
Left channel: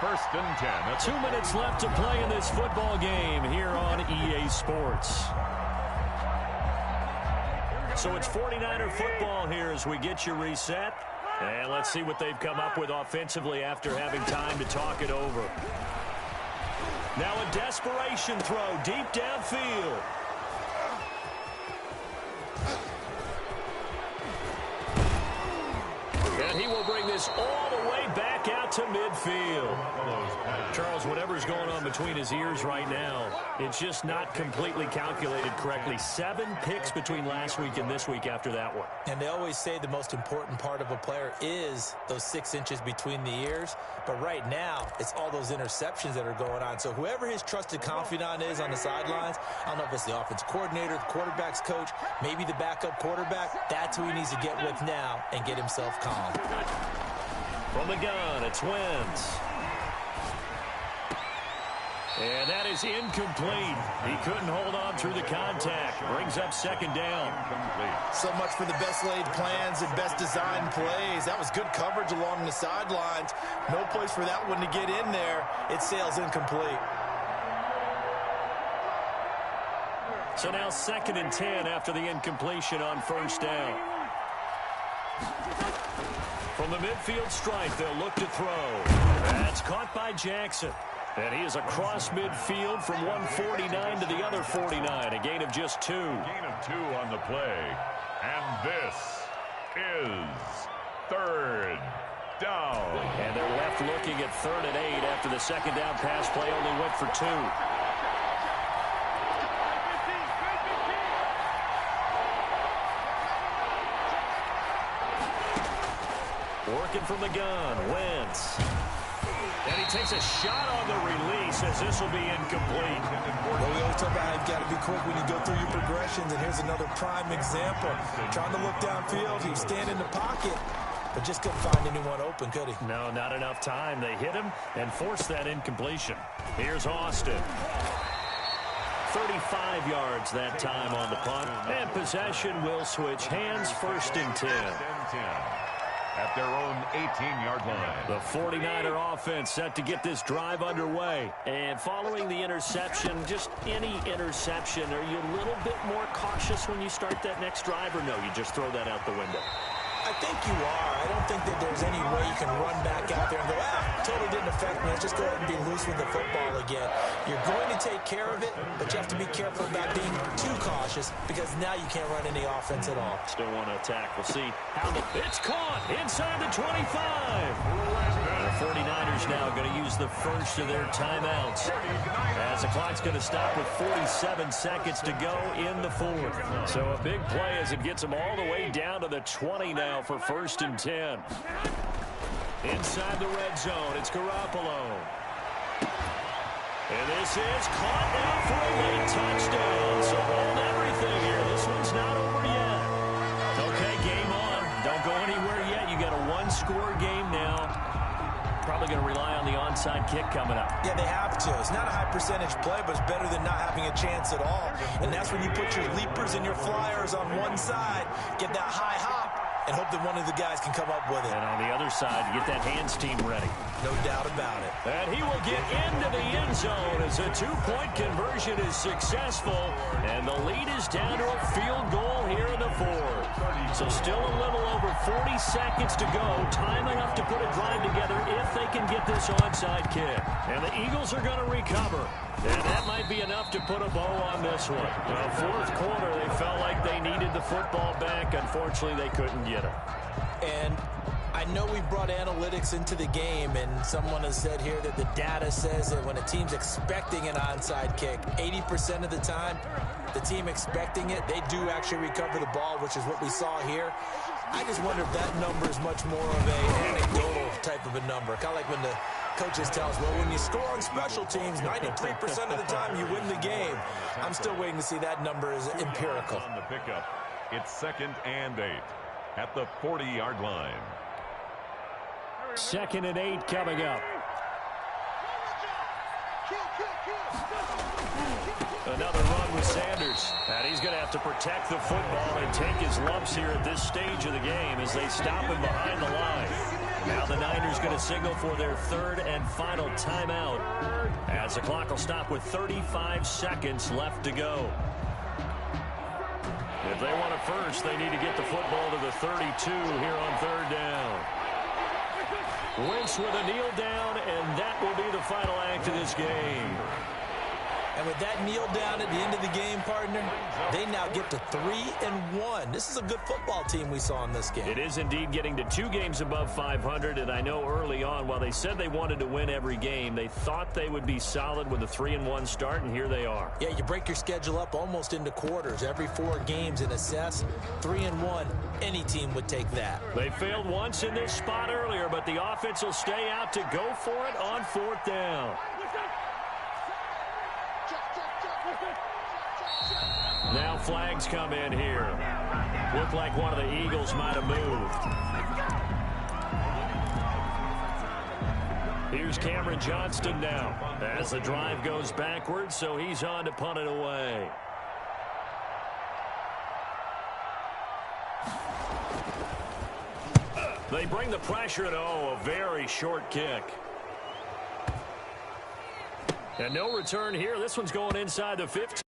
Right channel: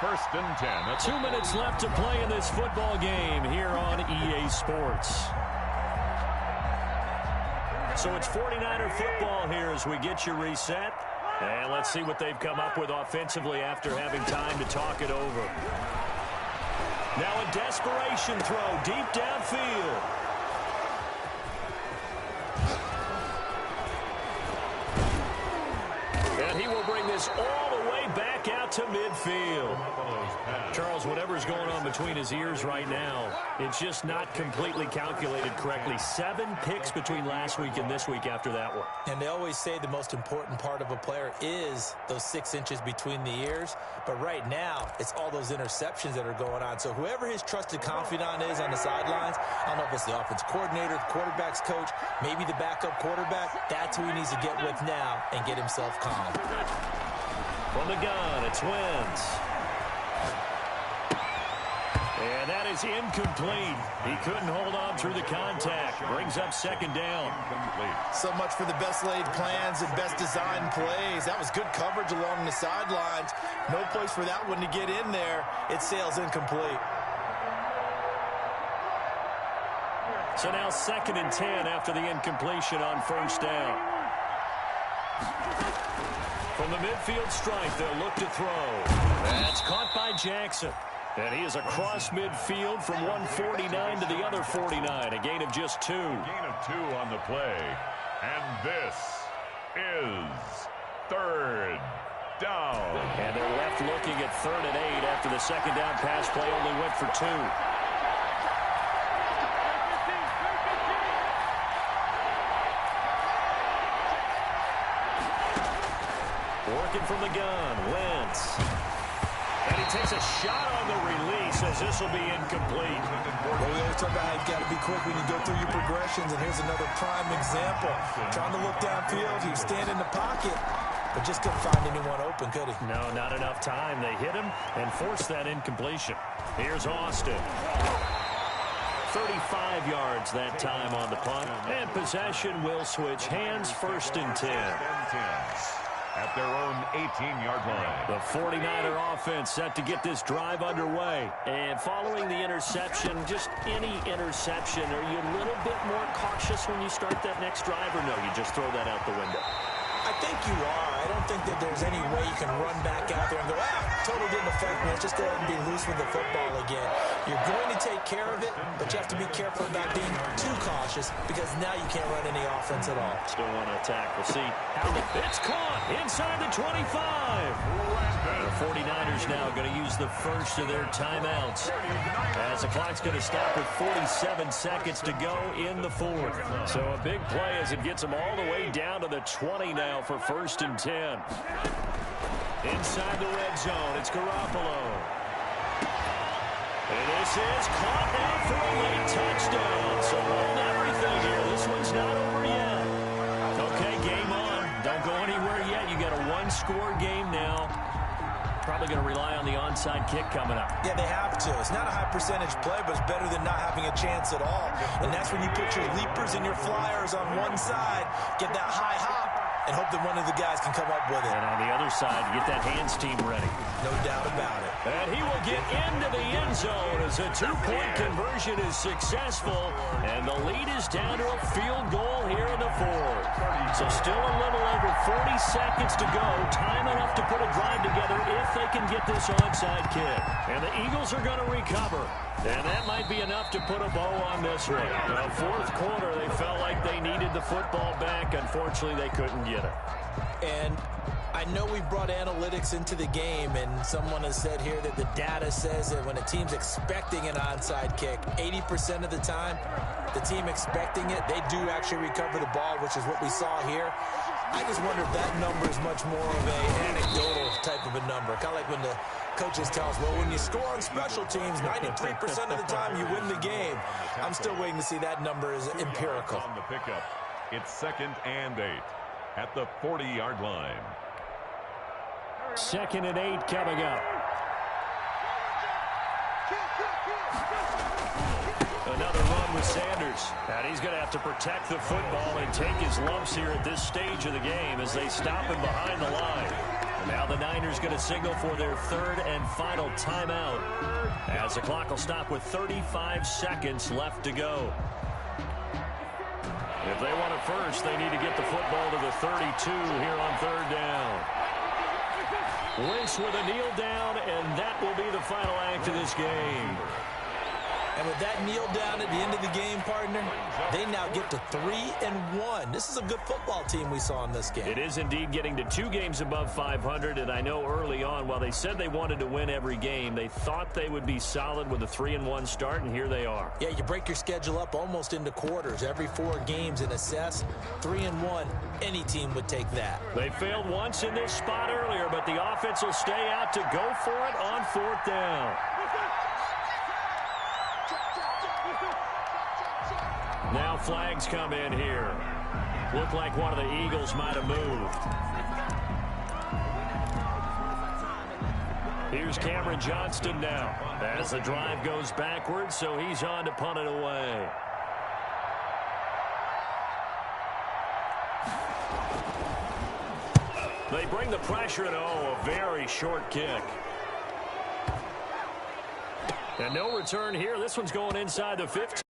First and 10. That's 2 minutes left to play in this football game here on EA Sports. So it's 49er football here as we get you reset. And let's see what they've come up with offensively after having time to talk it over. Now a desperation throw deep downfield. And he will bring this all the way back out to midfield. Charles, whatever's going on between his ears right now, it's just not completely calculated correctly. 7 picks between last week and this week after that one. And they always say the most important part of a player is those 6 inches between the ears. But right now, it's all those interceptions that are going on. So whoever his trusted confidant is on the sidelines, I don't know if it's the offense coordinator, the quarterback's coach, maybe the backup quarterback, that's who he needs to get with now and get himself calm. From the gun, it's Wentz. And that is incomplete. He couldn't hold on through the contact. Brings up second down. So much for the best laid plans and best designed plays. That was good coverage along the sidelines. No place for that one to get in there. It sails incomplete. So now 2nd and 10 after the incompletion on first down. From the midfield stripe, they'll look to throw. That's caught by Jackson. And he is across midfield from 149 to the other 49. A gain of just 2. A gain of 2 on the play. And this is 3rd down. And they're left looking at 3rd and 8 after the second down pass play only went for 2. Working from the gun, Wentz. And he takes a shot on the release as this will be incomplete. Well, we always talk about how you've got to be quick when you go through your progressions, and here's another prime example. Trying to look downfield, he was standing in the pocket, but just couldn't find anyone open, could he? No, not enough time. They hit him and forced that incompletion. Here's Austin. 35 yards that time on the punt. And possession will switch hands, 1st and 10. At their own 18-yard line. The 49er offense set to get this drive underway. And following the interception, just any interception, are you a little bit more cautious when you start that next drive, or no, you just throw that out the window? I think you are. I don't think that there's any way you can run back out there and go, totally didn't affect me. Let's just go ahead and be loose with the football again. You're going to take care of it, but you have to be careful about being too cautious because now you can't run any offense at all. Still want to attack. We'll see how it's caught inside the 25. The 49ers now going to use the first of their timeouts as the clock's going to stop with 47 seconds to go in the 4th. So a big play as it gets them all the way down to the 20 now for 1st and 10. Inside the red zone, it's Garoppolo. And this is caught now for a late touchdown. So hold everything here. This one's not over yet. Okay, game on. Don't go anywhere yet. You got a 1-score game now. Probably going to rely on the onside kick coming up. Yeah, they have to. It's not a high percentage play, but it's better than not having a chance at all. And that's when you put your leapers and your flyers on one side, get that high hop, and hope that one of the guys can come up with it. And on the other side, get that hands team ready. No doubt about it. And he will get into the end zone as a 2-point conversion is successful. And the lead is down to a field goal here in the 4th. So still a little over 40 seconds to go. Time enough to put a drive together if they can get this onside kick. And the Eagles are going to recover. And that might be enough to put a bow on this one. Now, 4th quarter, they felt like they needed the football back. Unfortunately, they couldn't get it. And I know we've brought analytics into the game, and someone has said here that the data says that when a team's expecting an onside kick, 80% of the time, the team expecting it, they do actually recover the ball, which is what we saw here. I just wonder if that number is much more of an anecdotal type of a number. Kind of like when the coaches tell us, well, when you score on special teams, 93% of the time you win the game. I'm still waiting to see that number is empirical. On the pickup, it's 2nd and 8 at the 40-yard line. 2nd and 8 coming up. Another run with Sanders. And he's going to have to protect the football and take his lumps here at this stage of the game as they stop him behind the line. And now the Niners going to signal for their 3rd and final timeout as the clock will stop with 35 seconds left to go. If they want it first, they need to get the football to the 32 here on 3rd down. Wentz with a kneel down, and that will be the final act of this game. And with that kneel down at the end of the game, partner, they now get to 3-1. This is a good football team we saw in this game. It is indeed getting to 2 games above 500, and I know early on, while they said they wanted to win every game, they thought they would be solid with a 3-1 start, and here they are. Yeah, you break your schedule up almost into quarters. Every 4 games and assess 3-1. Any team would take that. They failed once in this spot earlier, but the offense will stay out to go for it on 4th down. Now flags come in here. Looked like one of the Eagles might have moved. Here's Cameron Johnston now as the drive goes backwards, so he's on to punt it away. They bring the pressure, and a very short kick. And no return here. This one's going inside the 15.